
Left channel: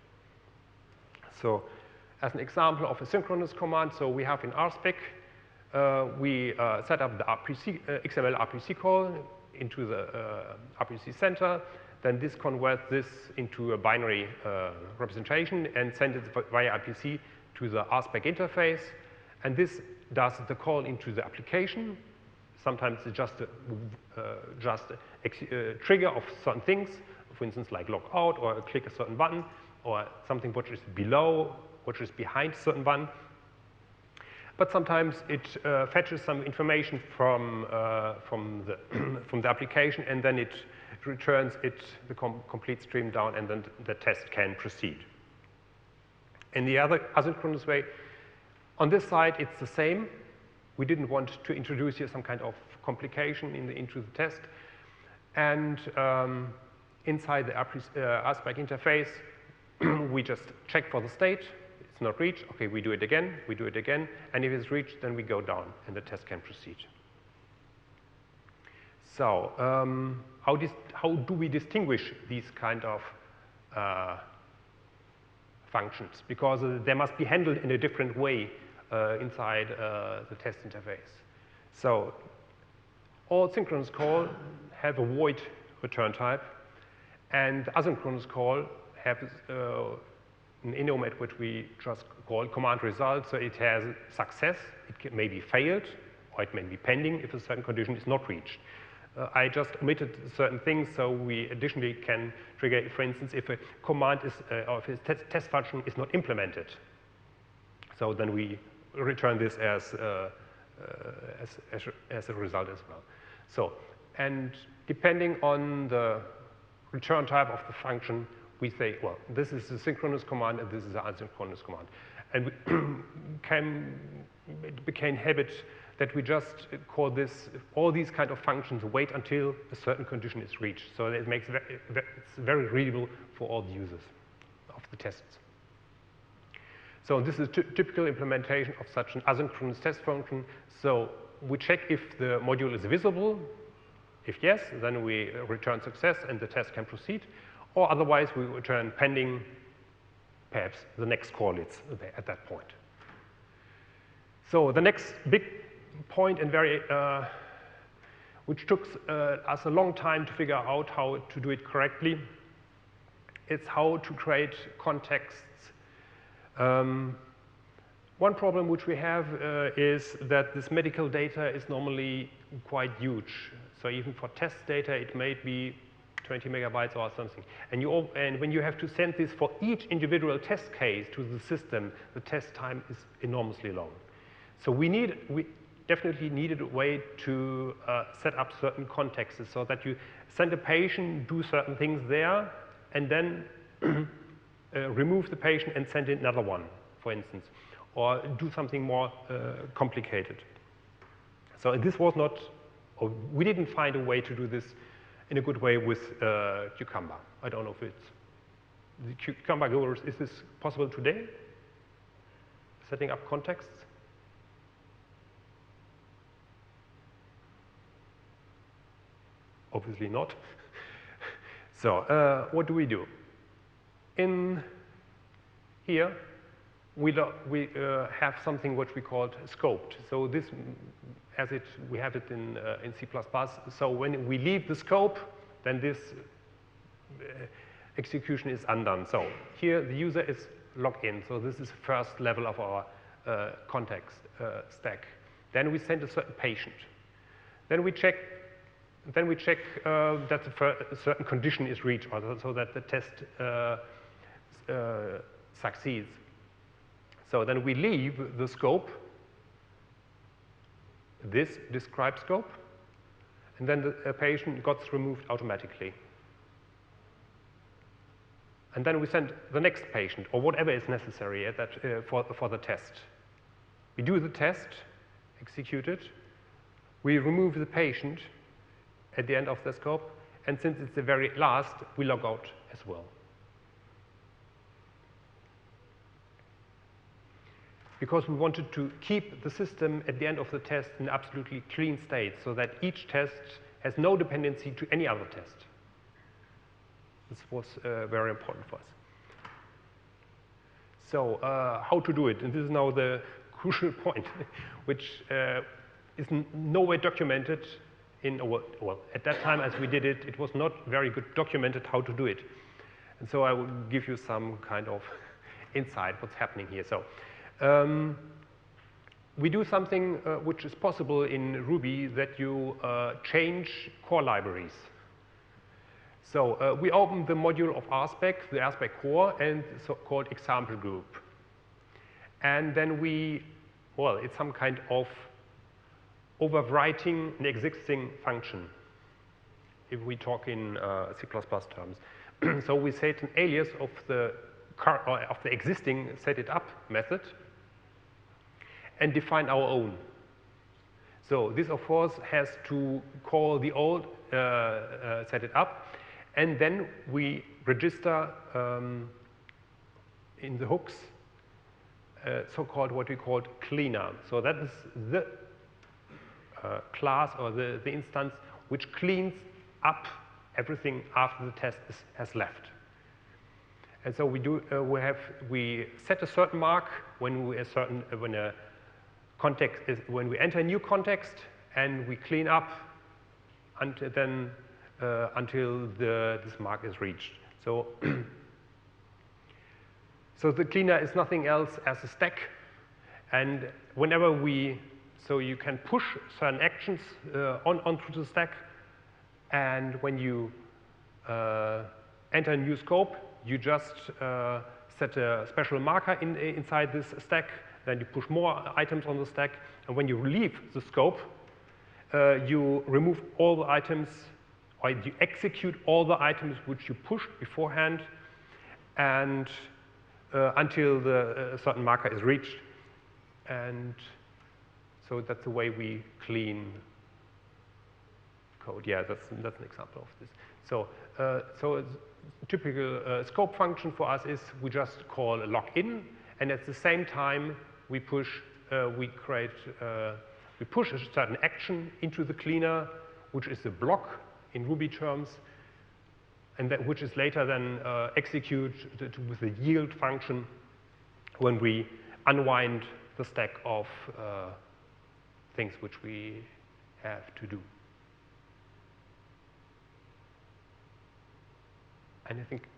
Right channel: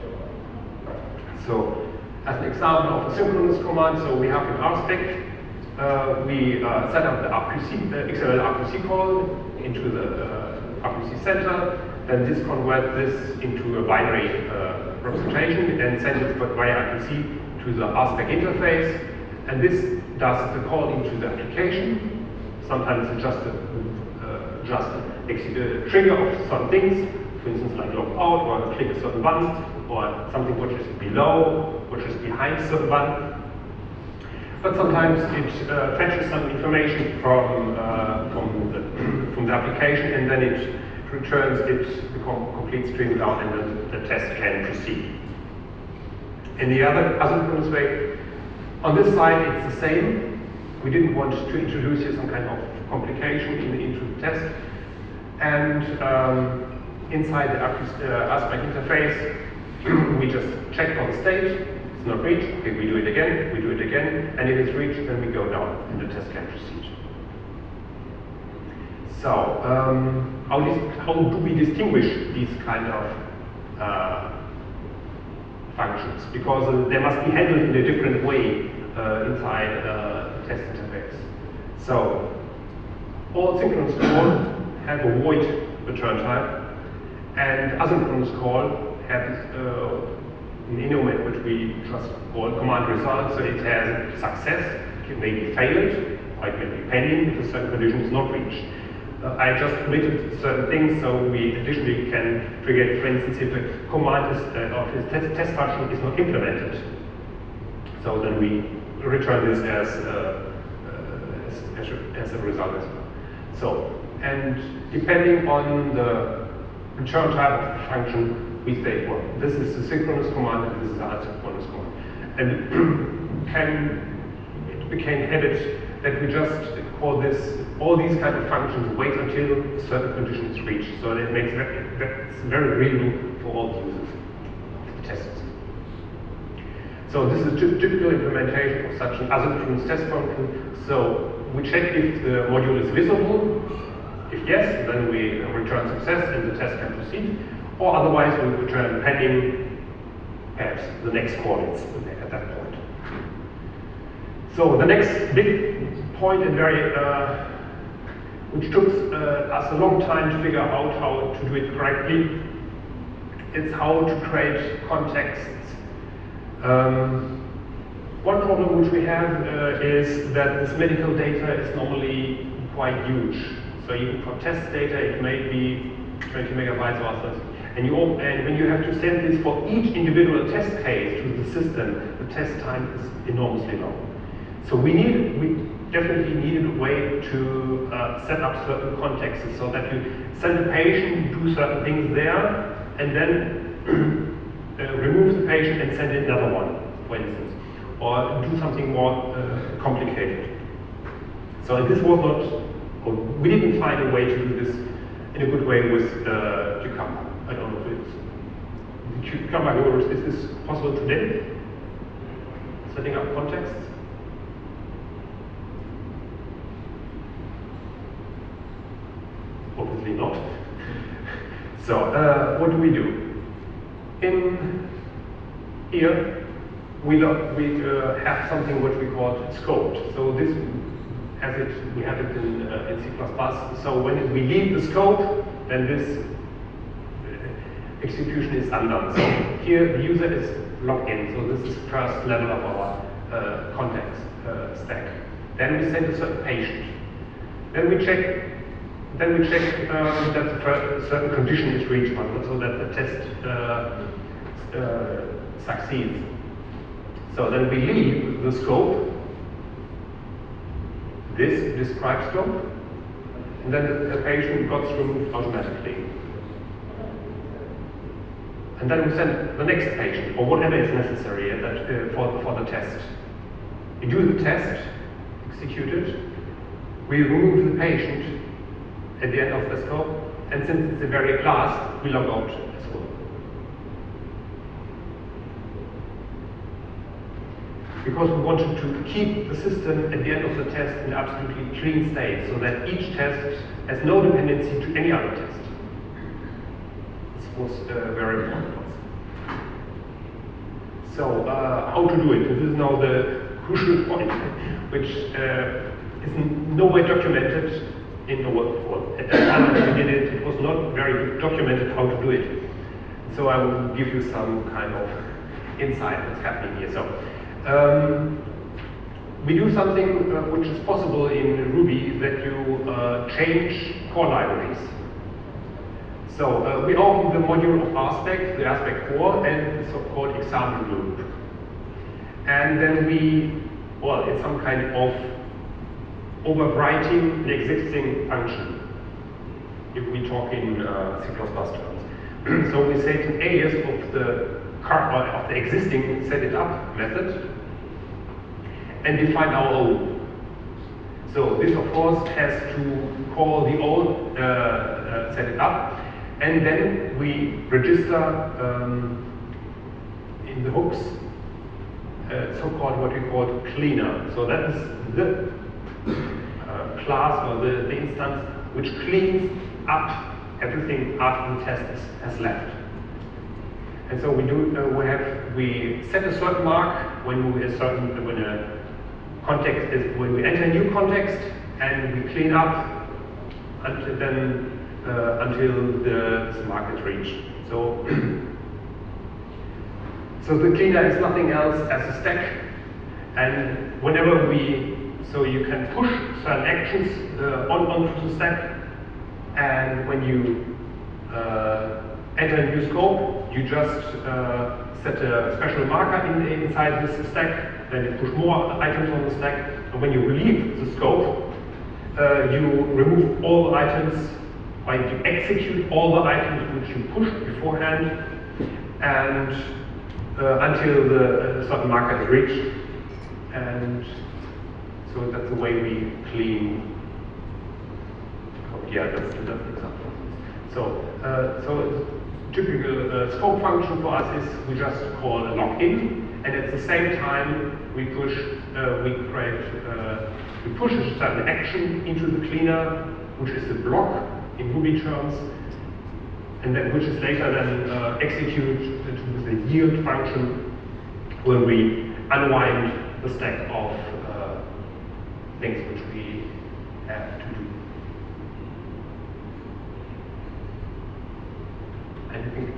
So, as an example of the synchronous command, so we have the RSpec. We set up the XMLRPC call into the RPC center. Then this converts this into a binary representation and sends it via RPC to the RSpec interface. And this does the call into the application. Sometimes it's just a trigger of some things. For instance, I log out or click certain buttons, or something which is below, which is behind certain button. But sometimes it fetches some information from the application, and then it returns its complete string down, and then the test can proceed. In the other asynchronous way, on this side it's the same. We didn't want to introduce here some kind of complication into the test. And inside the RSpec interface, we just check for the state. It's not reached. Okay, we do it again, and if it's reached, then we go down, and the test can proceed. So, how do we distinguish these kind of functions? Because they must be handled in a different way inside the test interface. So, all synchronous call have a void return type, and asynchronous call has an element which we just call command result, so it has success, it may be failed, or it may be pending if certain condition is not reached. I just committed certain things, so we additionally can create, for instance, if a command is, of the test function is not implemented. So then we return this as a result as well. So, and depending on the return type of function, we say, well, this is the synchronous command, and this is the asynchronous command. And we can have it that we just call this, all these kind of functions wait until certain conditions reach. So it makes that's very real for all users of the tests. So this is a typical implementation of such an asynchronous test function. So we check if the module is visible. If yes, then we return success and the test can proceed. Or otherwise, we return pending at the next call at that point. So the next big point, and which took us a long time to figure out how to do it correctly, is how to create contexts. One problem which we have is that this medical data is only quite huge. So even for test data, it may be 20 megabytes or something. And when you have to send this for each individual test case to the system, the test time is enormously long. So we definitely needed a way to set up certain contexts so that you send a patient, do certain things there, and then remove the patient and send another one, for instance, or do something more complicated. So this was not, or we didn't find a way to do this in a good way with Cucumber. I don't know if it's Cucumber, or is this possible today? Setting up contexts? Obviously not. So what do we do? In here, we have something which we call scoped. So this, we have it in C++. So when we leave the scope, then this execution is undone. So here the user is logged in. So this is the first level of our context stack. Then we send a certain patient. Then we check that a certain condition is reached, so that the test succeeds. So then we leave the scope, this described scope, and then the patient got through automatically. And then we send the next patient, or whatever is necessary for the test. We do the test, execute it, we remove the patient at the end of the scope, and since it's the very last, we log out the scope. Because we wanted to keep the system at the end of the test in absolutely clean state, so that each test has no dependency to any other test. This was very important for us. So, how to do it? This is now the crucial point, which is no way documented in our at that time when we did it, it was not very documented how to do it. So I will give you some kind of insight what's happening here. So we do something which is possible in Ruby, that you change core libraries. So we open the module of RSpec, the RSpec core, and the so-called example loop. And then it's some kind of overwriting the existing function, if we talk in C++ terms. So we set an alias of the existing set it up method and define our own. So this of course has to call the old set it up, and then we register in the hooks so-called what we call cleaner. So that's the class or the instance which cleans up everything after the test has left. And so we set a certain mark when we enter a new context, and we clean up until the mark is reached. So the cleaner is nothing else as a spec, and whenever so you can push certain actions onto the stack, and when you enter a new scope, you just set a special marker inside this stack, then you push more items on the stack, and when you leave the scope, you remove all items, or you execute all the items which you pushed beforehand, and until the certain marker is reached. And so that's the way we clean. Oh, yeah, that's the example. So typical scope function for us is we just call login, and at the same time we push a certain action into the cleaner, which is a block in Ruby terms, and then which is later then executed to the yield function when we unwind the stack of things which we have to do.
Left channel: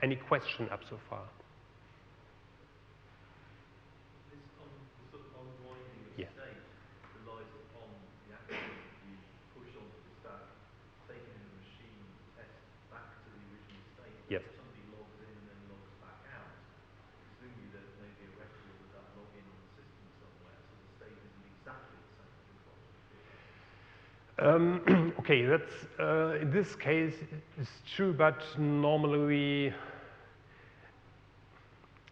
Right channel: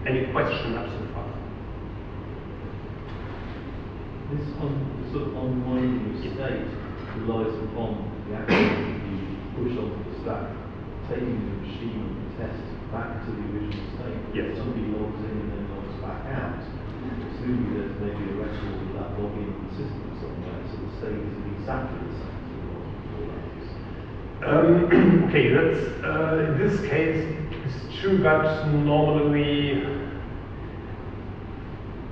Any questions up so far? This sort of unwinding of state relies upon the action you push onto the stack, taking the machine on the test back to the original state. Yes. Somebody logs in and then logs back out. Presumably there's maybe a record of that login in the system somewhere, so the state is exactly the same as it was before that. Okay, that's in this case it's true, but normally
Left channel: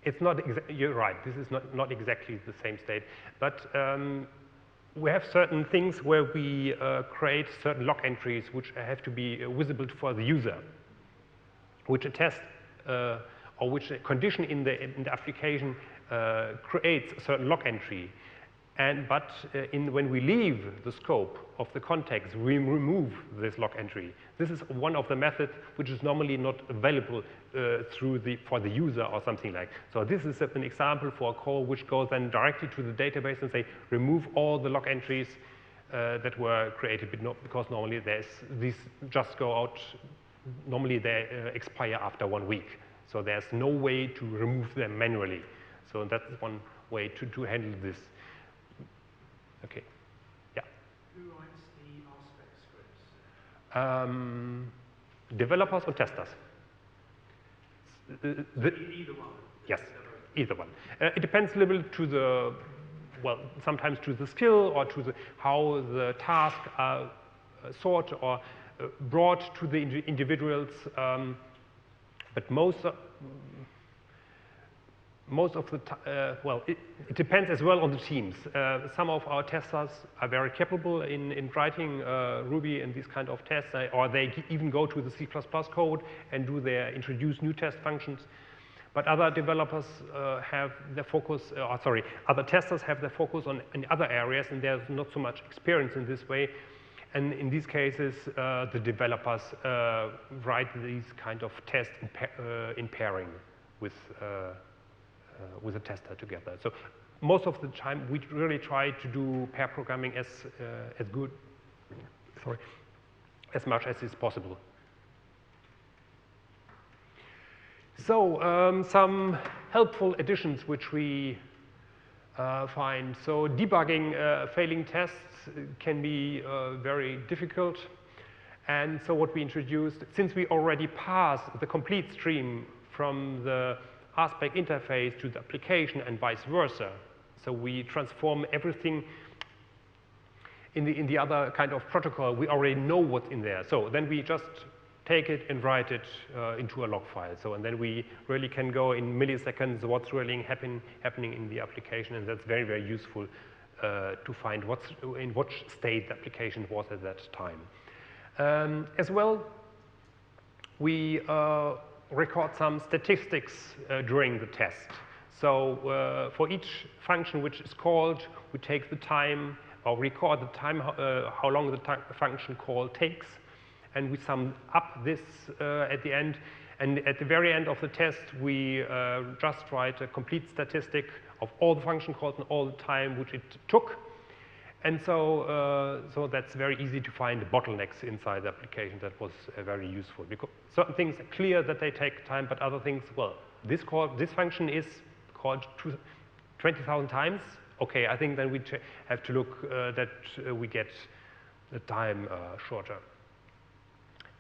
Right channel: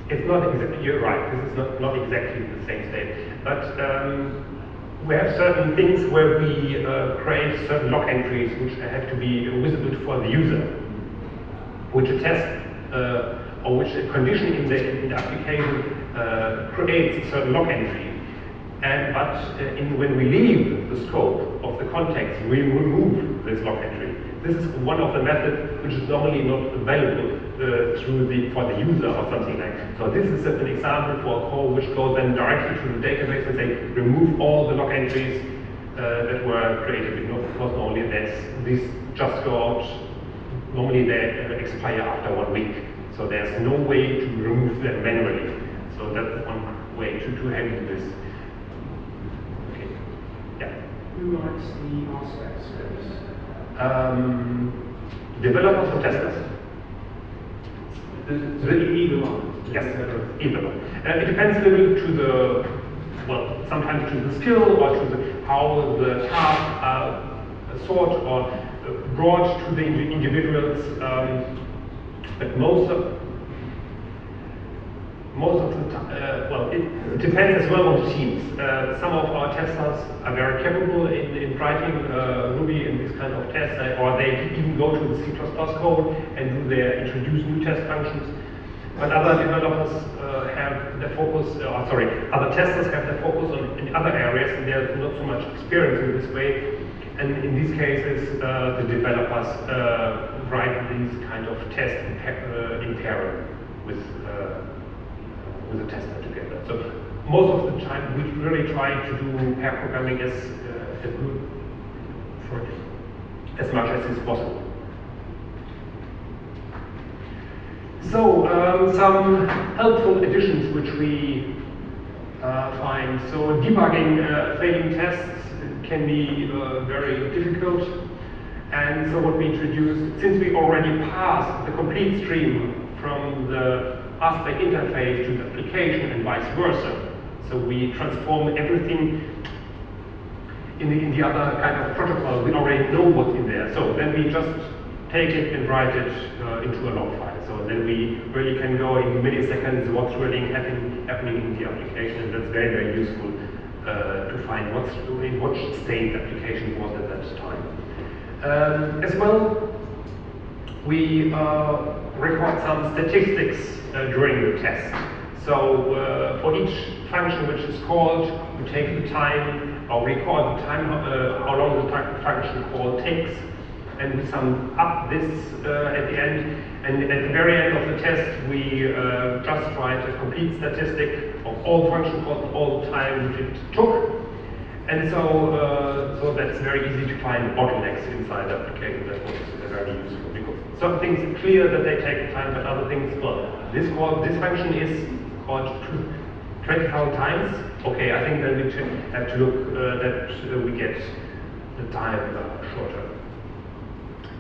It's not exactly, you're right, this is not exactly the same state. But we have certain things where we create certain log entries which have to be visible for the user, which a test or which a condition in the application creates a certain log entry. When we leave the scope of the context, we remove this log entry. This is one of the methods which is normally not available for the user or something like that. So this is an example for a call which goes then directly to the database and they remove all the log entries that were created. You know, of course, normally these just go out. Normally they expire after 1 week. So there's no way to remove them manually. So that's one way to handle this. Okay. Yeah. Who writes the RSpec scripts? Developers or testers? Either one. Yes, either one. It depends a little to the, well, sometimes to the skill or to how the tasks are sorted or brought to the individuals. But most of the well, it depends as well on the teams. Some of our testers are very capable in writing Ruby in this kind of tests, or they even go to the C++ code and do introduce new test functions. But other developers have their focus, other testers have their focus in other areas, and there's not so much experience in this way. And in these cases, the developers write these kind of tests in parallel with the tester together. So most of the time, we really try to do pair programming as much as is possible. So some helpful additions which we find. So debugging failing tests can be very difficult. And so what we introduced, since we already passed the complete stream from the RSpecinterface to the application and vice versa, so we transform everything in the other kind of protocols. We already know what's in there. So then we just take it and write it into a log file. So then we really can go in milliseconds what's really happening in the application. That's very, very useful to find in what state the application was at that time. As well, we record some statistics during the test. So for each function which is called, we take the time, or we record the time, how long the function call takes, and we sum up this at the end. And at the very end of the test, we just write a complete statistic of all function calls, all the time it took. And so that's very easy to find bottlenecks inside the application. That was very useful. Some things are clear that they take time, but other things, well, this function is called 20,000 times. Okay, I think then we have to look that we get the time shorter.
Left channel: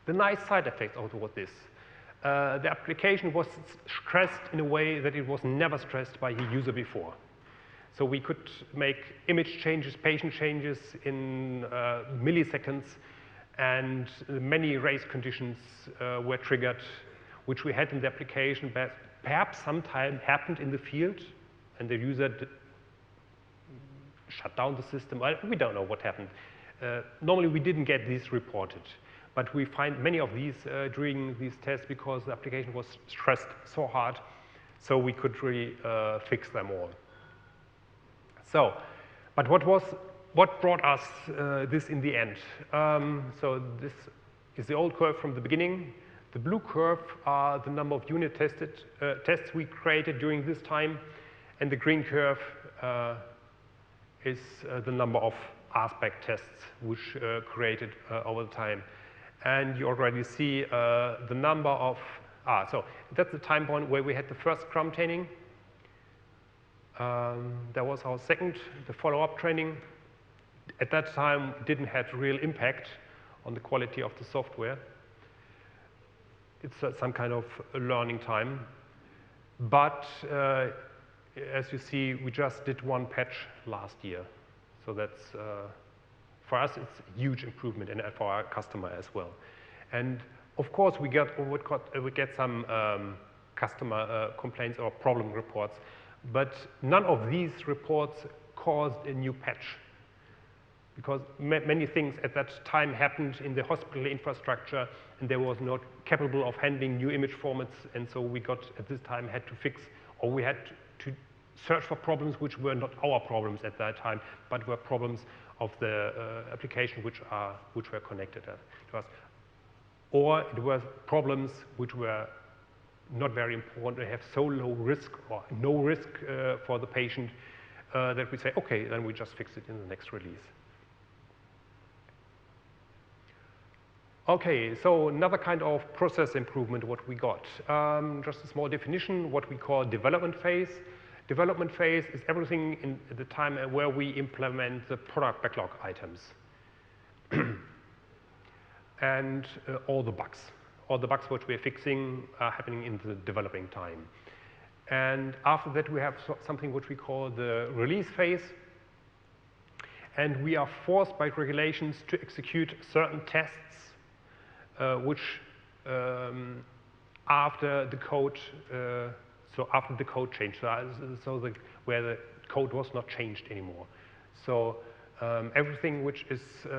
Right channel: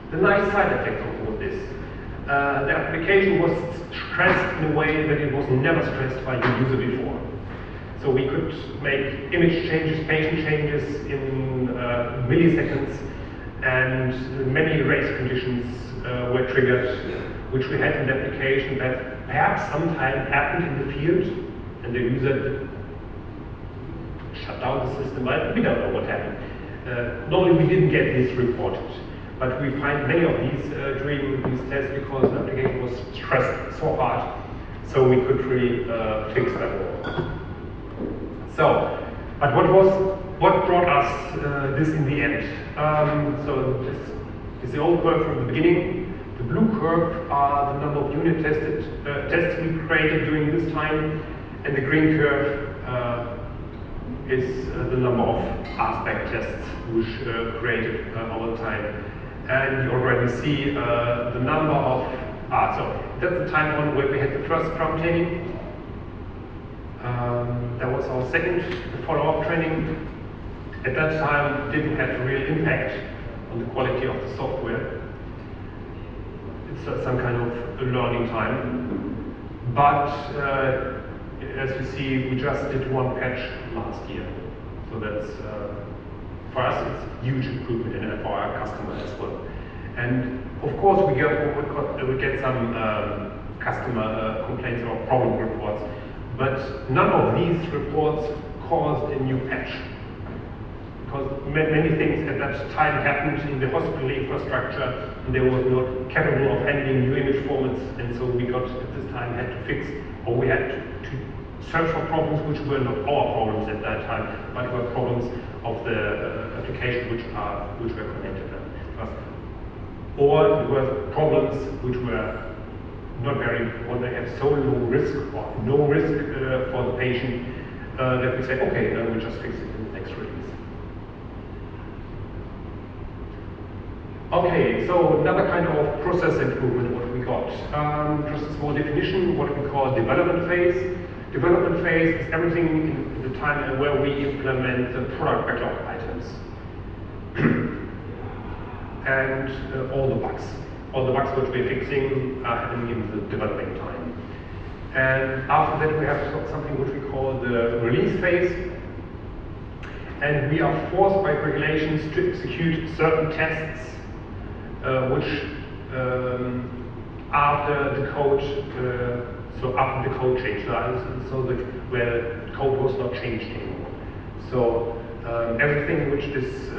The nice side effect of all this, the application was stressed in a way that it was never stressed by the user before. So we could make image changes, pattern changes in milliseconds, and many race conditions were triggered, which we had in the application that perhaps sometime happened in the field, and the user shut down the system. But we don't know what happened. Normally we didn't get this reported, but we find many of these during these tests because the application was stressed so hard, so we could really fix that all. So, but what brought us this in the end? So this is the old curve from the beginning. The blue curve are the number of unit tests we created during this time, and the green curve is the number of RSpec tests which created all the time. And you already see the number of, so that's the time one where we had the first drum training. That was our second follow-up training. At that time, didn't have real impact on the quality of the software. It's some kind of learning time. But as you see, we just did one patch last year. So that's, for us, it's huge improvement and for our customers as well. And of course, we get some customer complaints or problem reports. But none of these reports caused a new patch. Because many things at that time happened in the hospital infrastructure, and they were not capable of handling new image formats, and so we got at this time had to fix, or we had to search for problems which were not our problems at that time, but were problems of the application which were connected. Or it were problems which were not very important, they had so low risk or no risk for the patient that we said, okay, then we'll just fix it in the next release. Okay, so another kind of process improvement what we got. Just a small definition, what we call development phase. Development phase is everything in the time where we implement the product backlog items. And all the bugs which we're fixing are happening in the developing time. And after that we have something which we call the release phase. And we are forced by regulations to execute certain tests which after the code, so after the code change, so that where the code was not changed anymore. So everything which is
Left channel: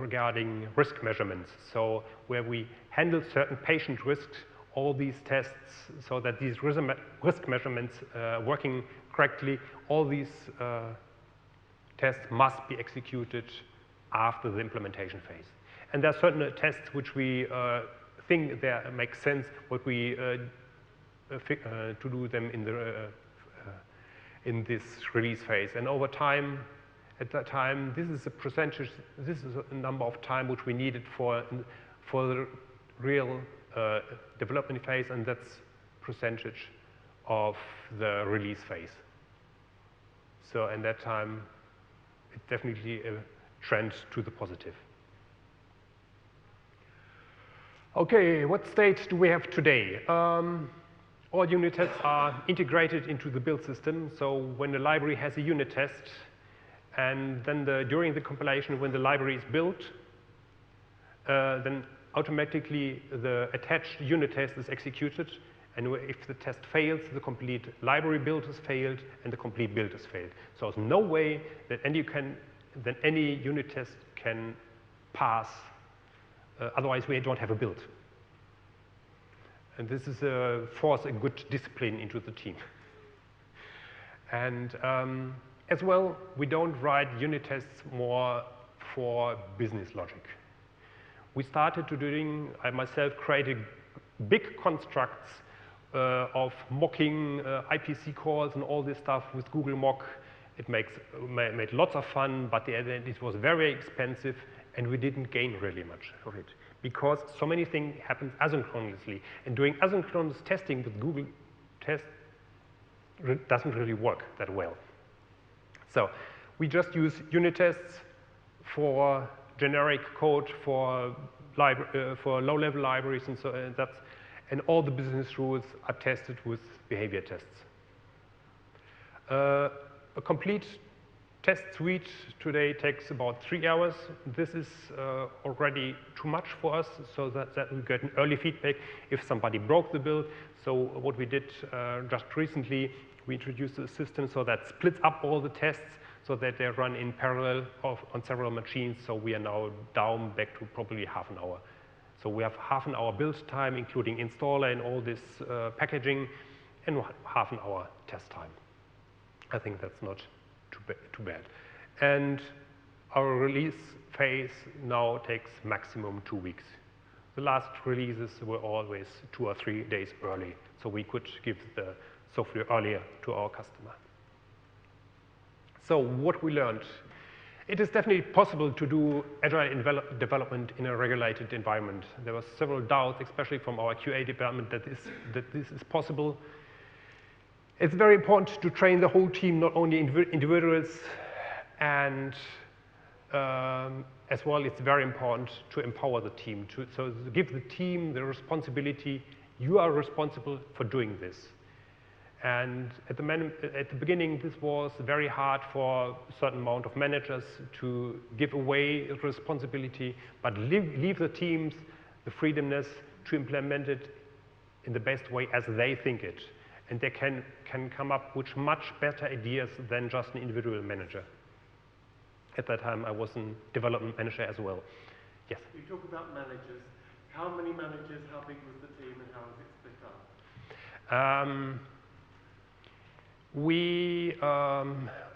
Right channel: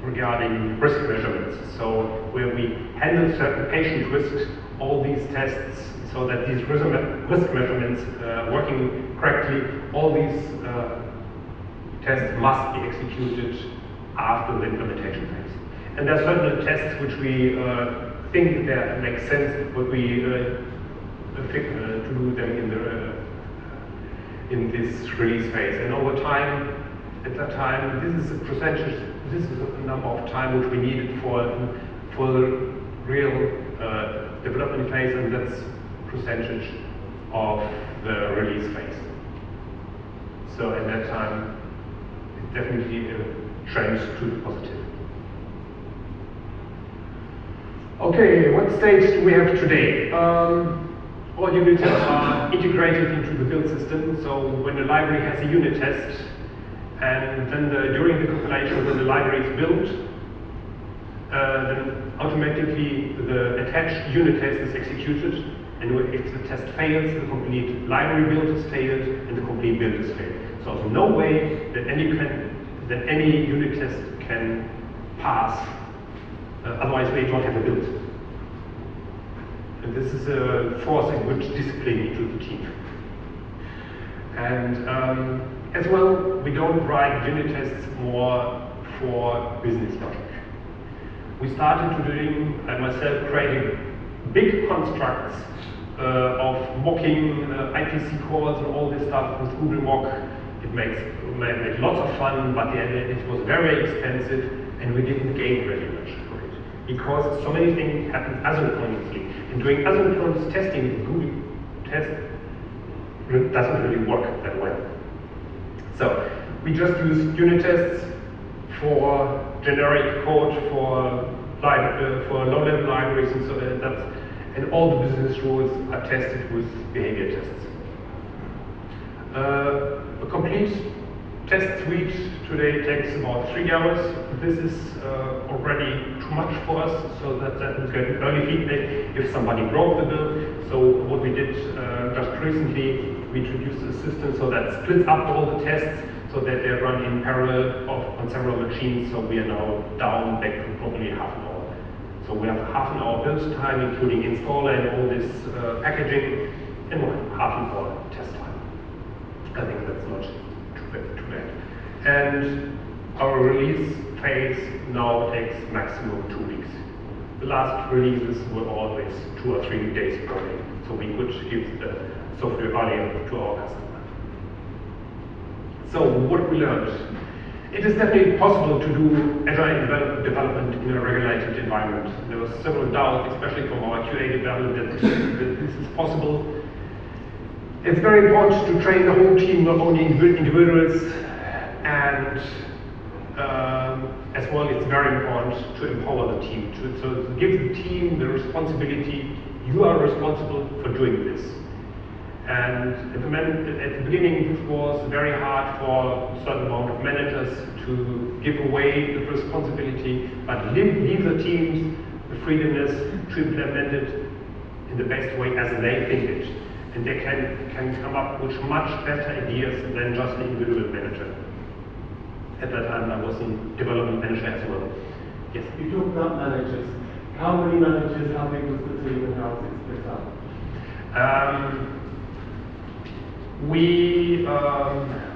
regarding risk measurements. So where we handle certain patient risks, all these tests, so that these risk measurements working correctly, all these tests must be executed after the implementation phase. And there are certain tests which we think that make sense, but we do them in this release phase. And over time, at that time, this is a percentage. This is the number of time which we needed for the real development phase, and that's percentage of the release phase. So at that time, it definitely trends to the positive. Okay, what stage do we have today? All unit tests are integrated into the build system. So when a library has a unit test, and then during the compilation when the library is built, then automatically the attached unit test is executed, and if the test fails, the complete library build is failed, and the complete build is failed. So there's no way that any unit test can pass, otherwise we don't have a build. And this is a forcing which discipline into the team. And as well, we don't write unit tests more for business logic. We started doing, I myself, creating big constructs of mocking IPC cores and all this stuff with Google Mock. It made lots of fun, but it was very expensive, and we didn't gain very much for it. Because so many things happen asynchronously. And doing asynchronous testing in Google test doesn't really work that well. So we just use unit tests for generic code for low-level libraries, and so and all the business rules are tested with behavior tests. A complete test suite today takes about 3 hours. This is already too much for us, so that we can early feedback if somebody broke the build. So what we did just recently, we introduced a system so that splits up all the tests so that they run in parallel on several machines. So we are now down back to probably half an hour. So we have half an hour build time, including install and all this packaging, and we have half an hour test time. I think that's not too bad. And our release phase now takes maximum 2 weeks. The last releases were always 2 or 3 days early, so we could give the software value to our customer. So what we learned? It is definitely possible to do agile development in a regulated environment. There was several doubts, especially from our QA development, that this is possible. It's very important to train the whole team, not only individuals, and as well, it's very important to empower the team, to give the team the responsibility. You are responsible for doing this. And at the beginning, it was very hard for a certain amount of managers to give away the responsibility, but leave the teams the freedomness to implement it in the best way as they think it. And they can come up with much better ideas than just individual manager. At that time I was in development manager as well. Yes. You talked about managers. How many managers, how big was the team, and how was it split up?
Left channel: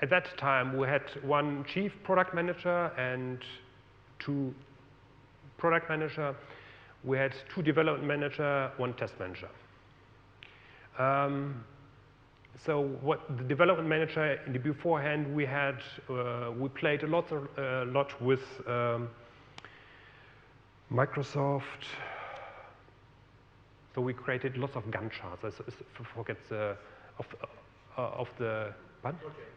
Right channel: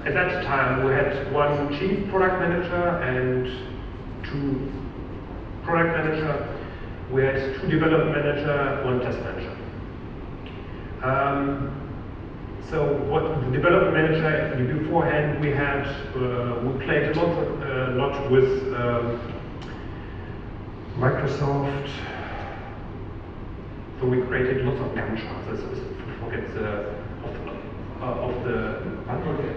At that time we had one chief product manager and 2 product manager. We had 2 development manager, 1 test manager. So what the development manager beforehand we had, we played a lot with Microsoft. So we created lots of Gantt charts. It's of the project.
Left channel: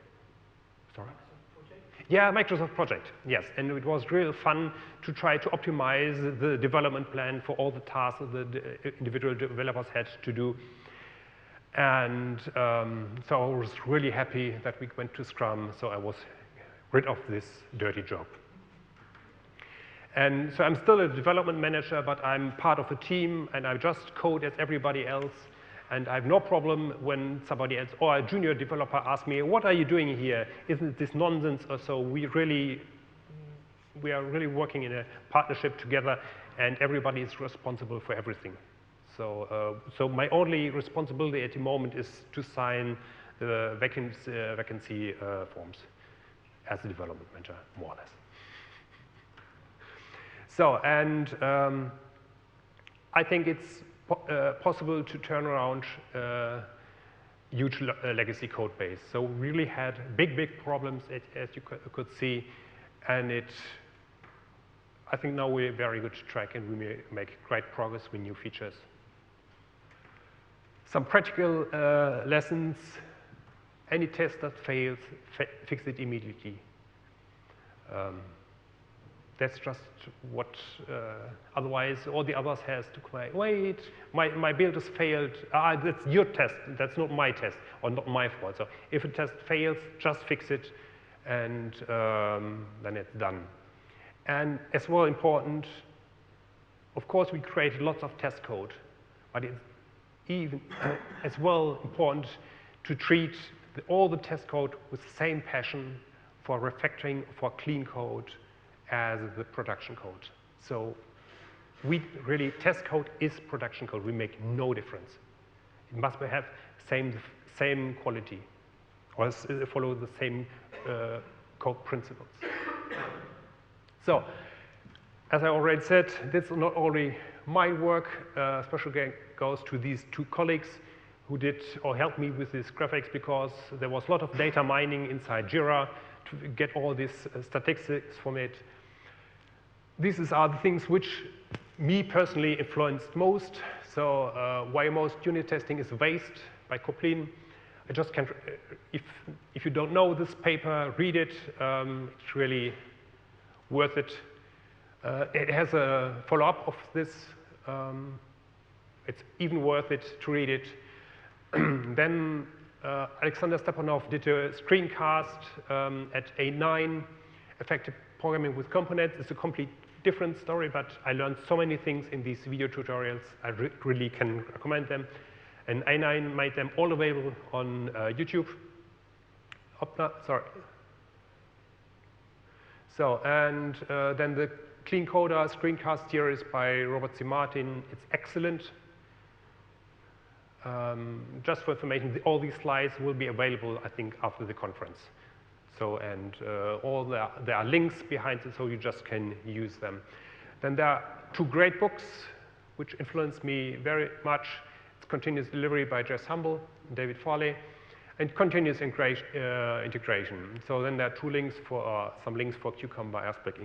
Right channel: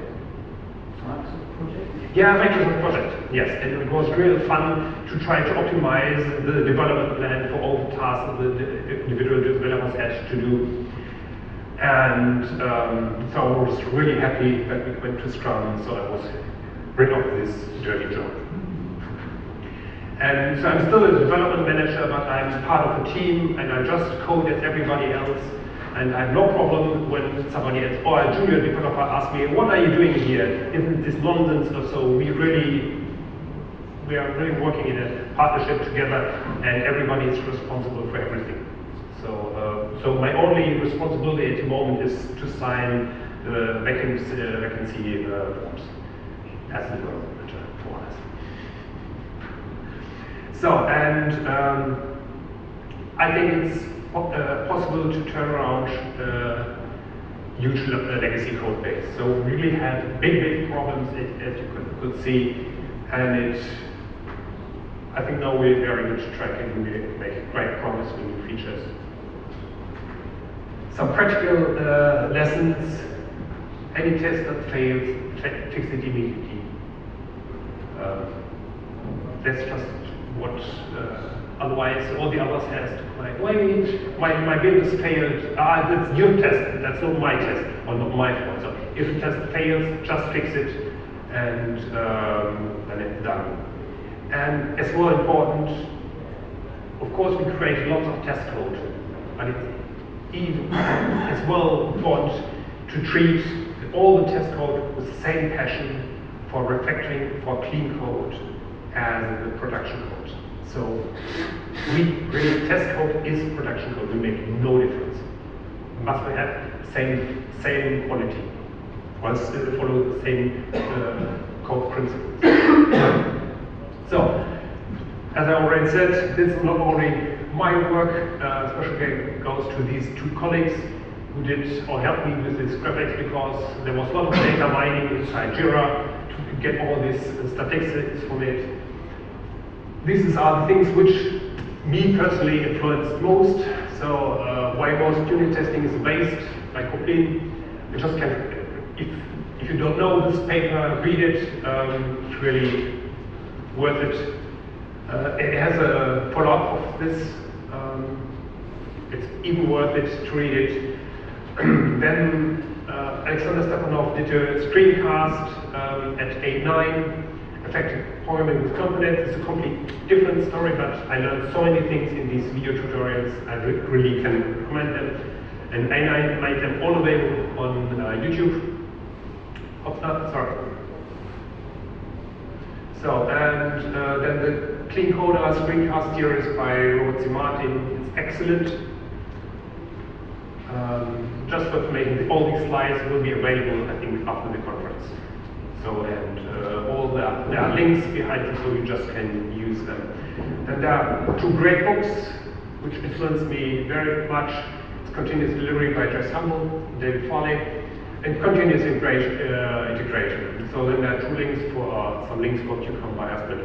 Yeah, Microsoft project. Yes, and it was really fun to try to optimize the development plan for all the tasks that the individual developers had to do. And so I was really happy that we went to Scrum, so I was rid of this dirty job. And so I'm still a development manager, but I'm part of the team, and I just code as everybody else. And I have no problem when somebody else, or a junior developer asks me, what are you doing here? Isn't this nonsense? So we are really working in a partnership together, and everybody is responsible for everything. So my only responsibility at the moment is to sign the vacancy forms as a development manager for us. So, and I think it's possible to turn around huge legacy code base. So we really had big problems, as you could see, and I think now we're very much track and we make great progress with new features. Some practical lessons: any test that fails, fix it immediately. That's just what. Otherwise, all the others has to like, wait, my build has failed. That's your test. That's not my test, or not my fault. So if the test fails, just fix it, and then it's done. And as well important, of course, we create lots of test code, but it's even as well important to treat all the test code with the same passion for refactoring, for clean code, as the production code. So really test code is production code. We make no difference. Must have same quality, or follow the same code principles. So, as I already said, this is not only my work. Special credit goes to these 2 colleagues who did or helped me with this project, because there was a lot of data mining inside Jira to get all these statistics from it. These are the things which me personally influenced most. So why most unit testing is waste by copying. You just can, if you don't know this paper, read it. It's really worth it. It has a follow-up of this. It's even worth it to read it. Then Alexander Stepanov did a screencast at A9. Effective deployment with complex. It's a completely different story, but I learned so many things in these video tutorials. I really can recommend them. And A9 made them all available on YouTube. Sorry. So, and then the Clean Coder screencast series by Robert C. Martin is excellent. Just for making all these slides will be available, I think, after the conference. So, and there are links behind it, so you just can use them. And there are 2 great books which influenced me very much. Continuous Delivery by Jeff Sumble, David Foley, and Continuous Integration. So then there are 2 links for some links for Cucumber, RSpec,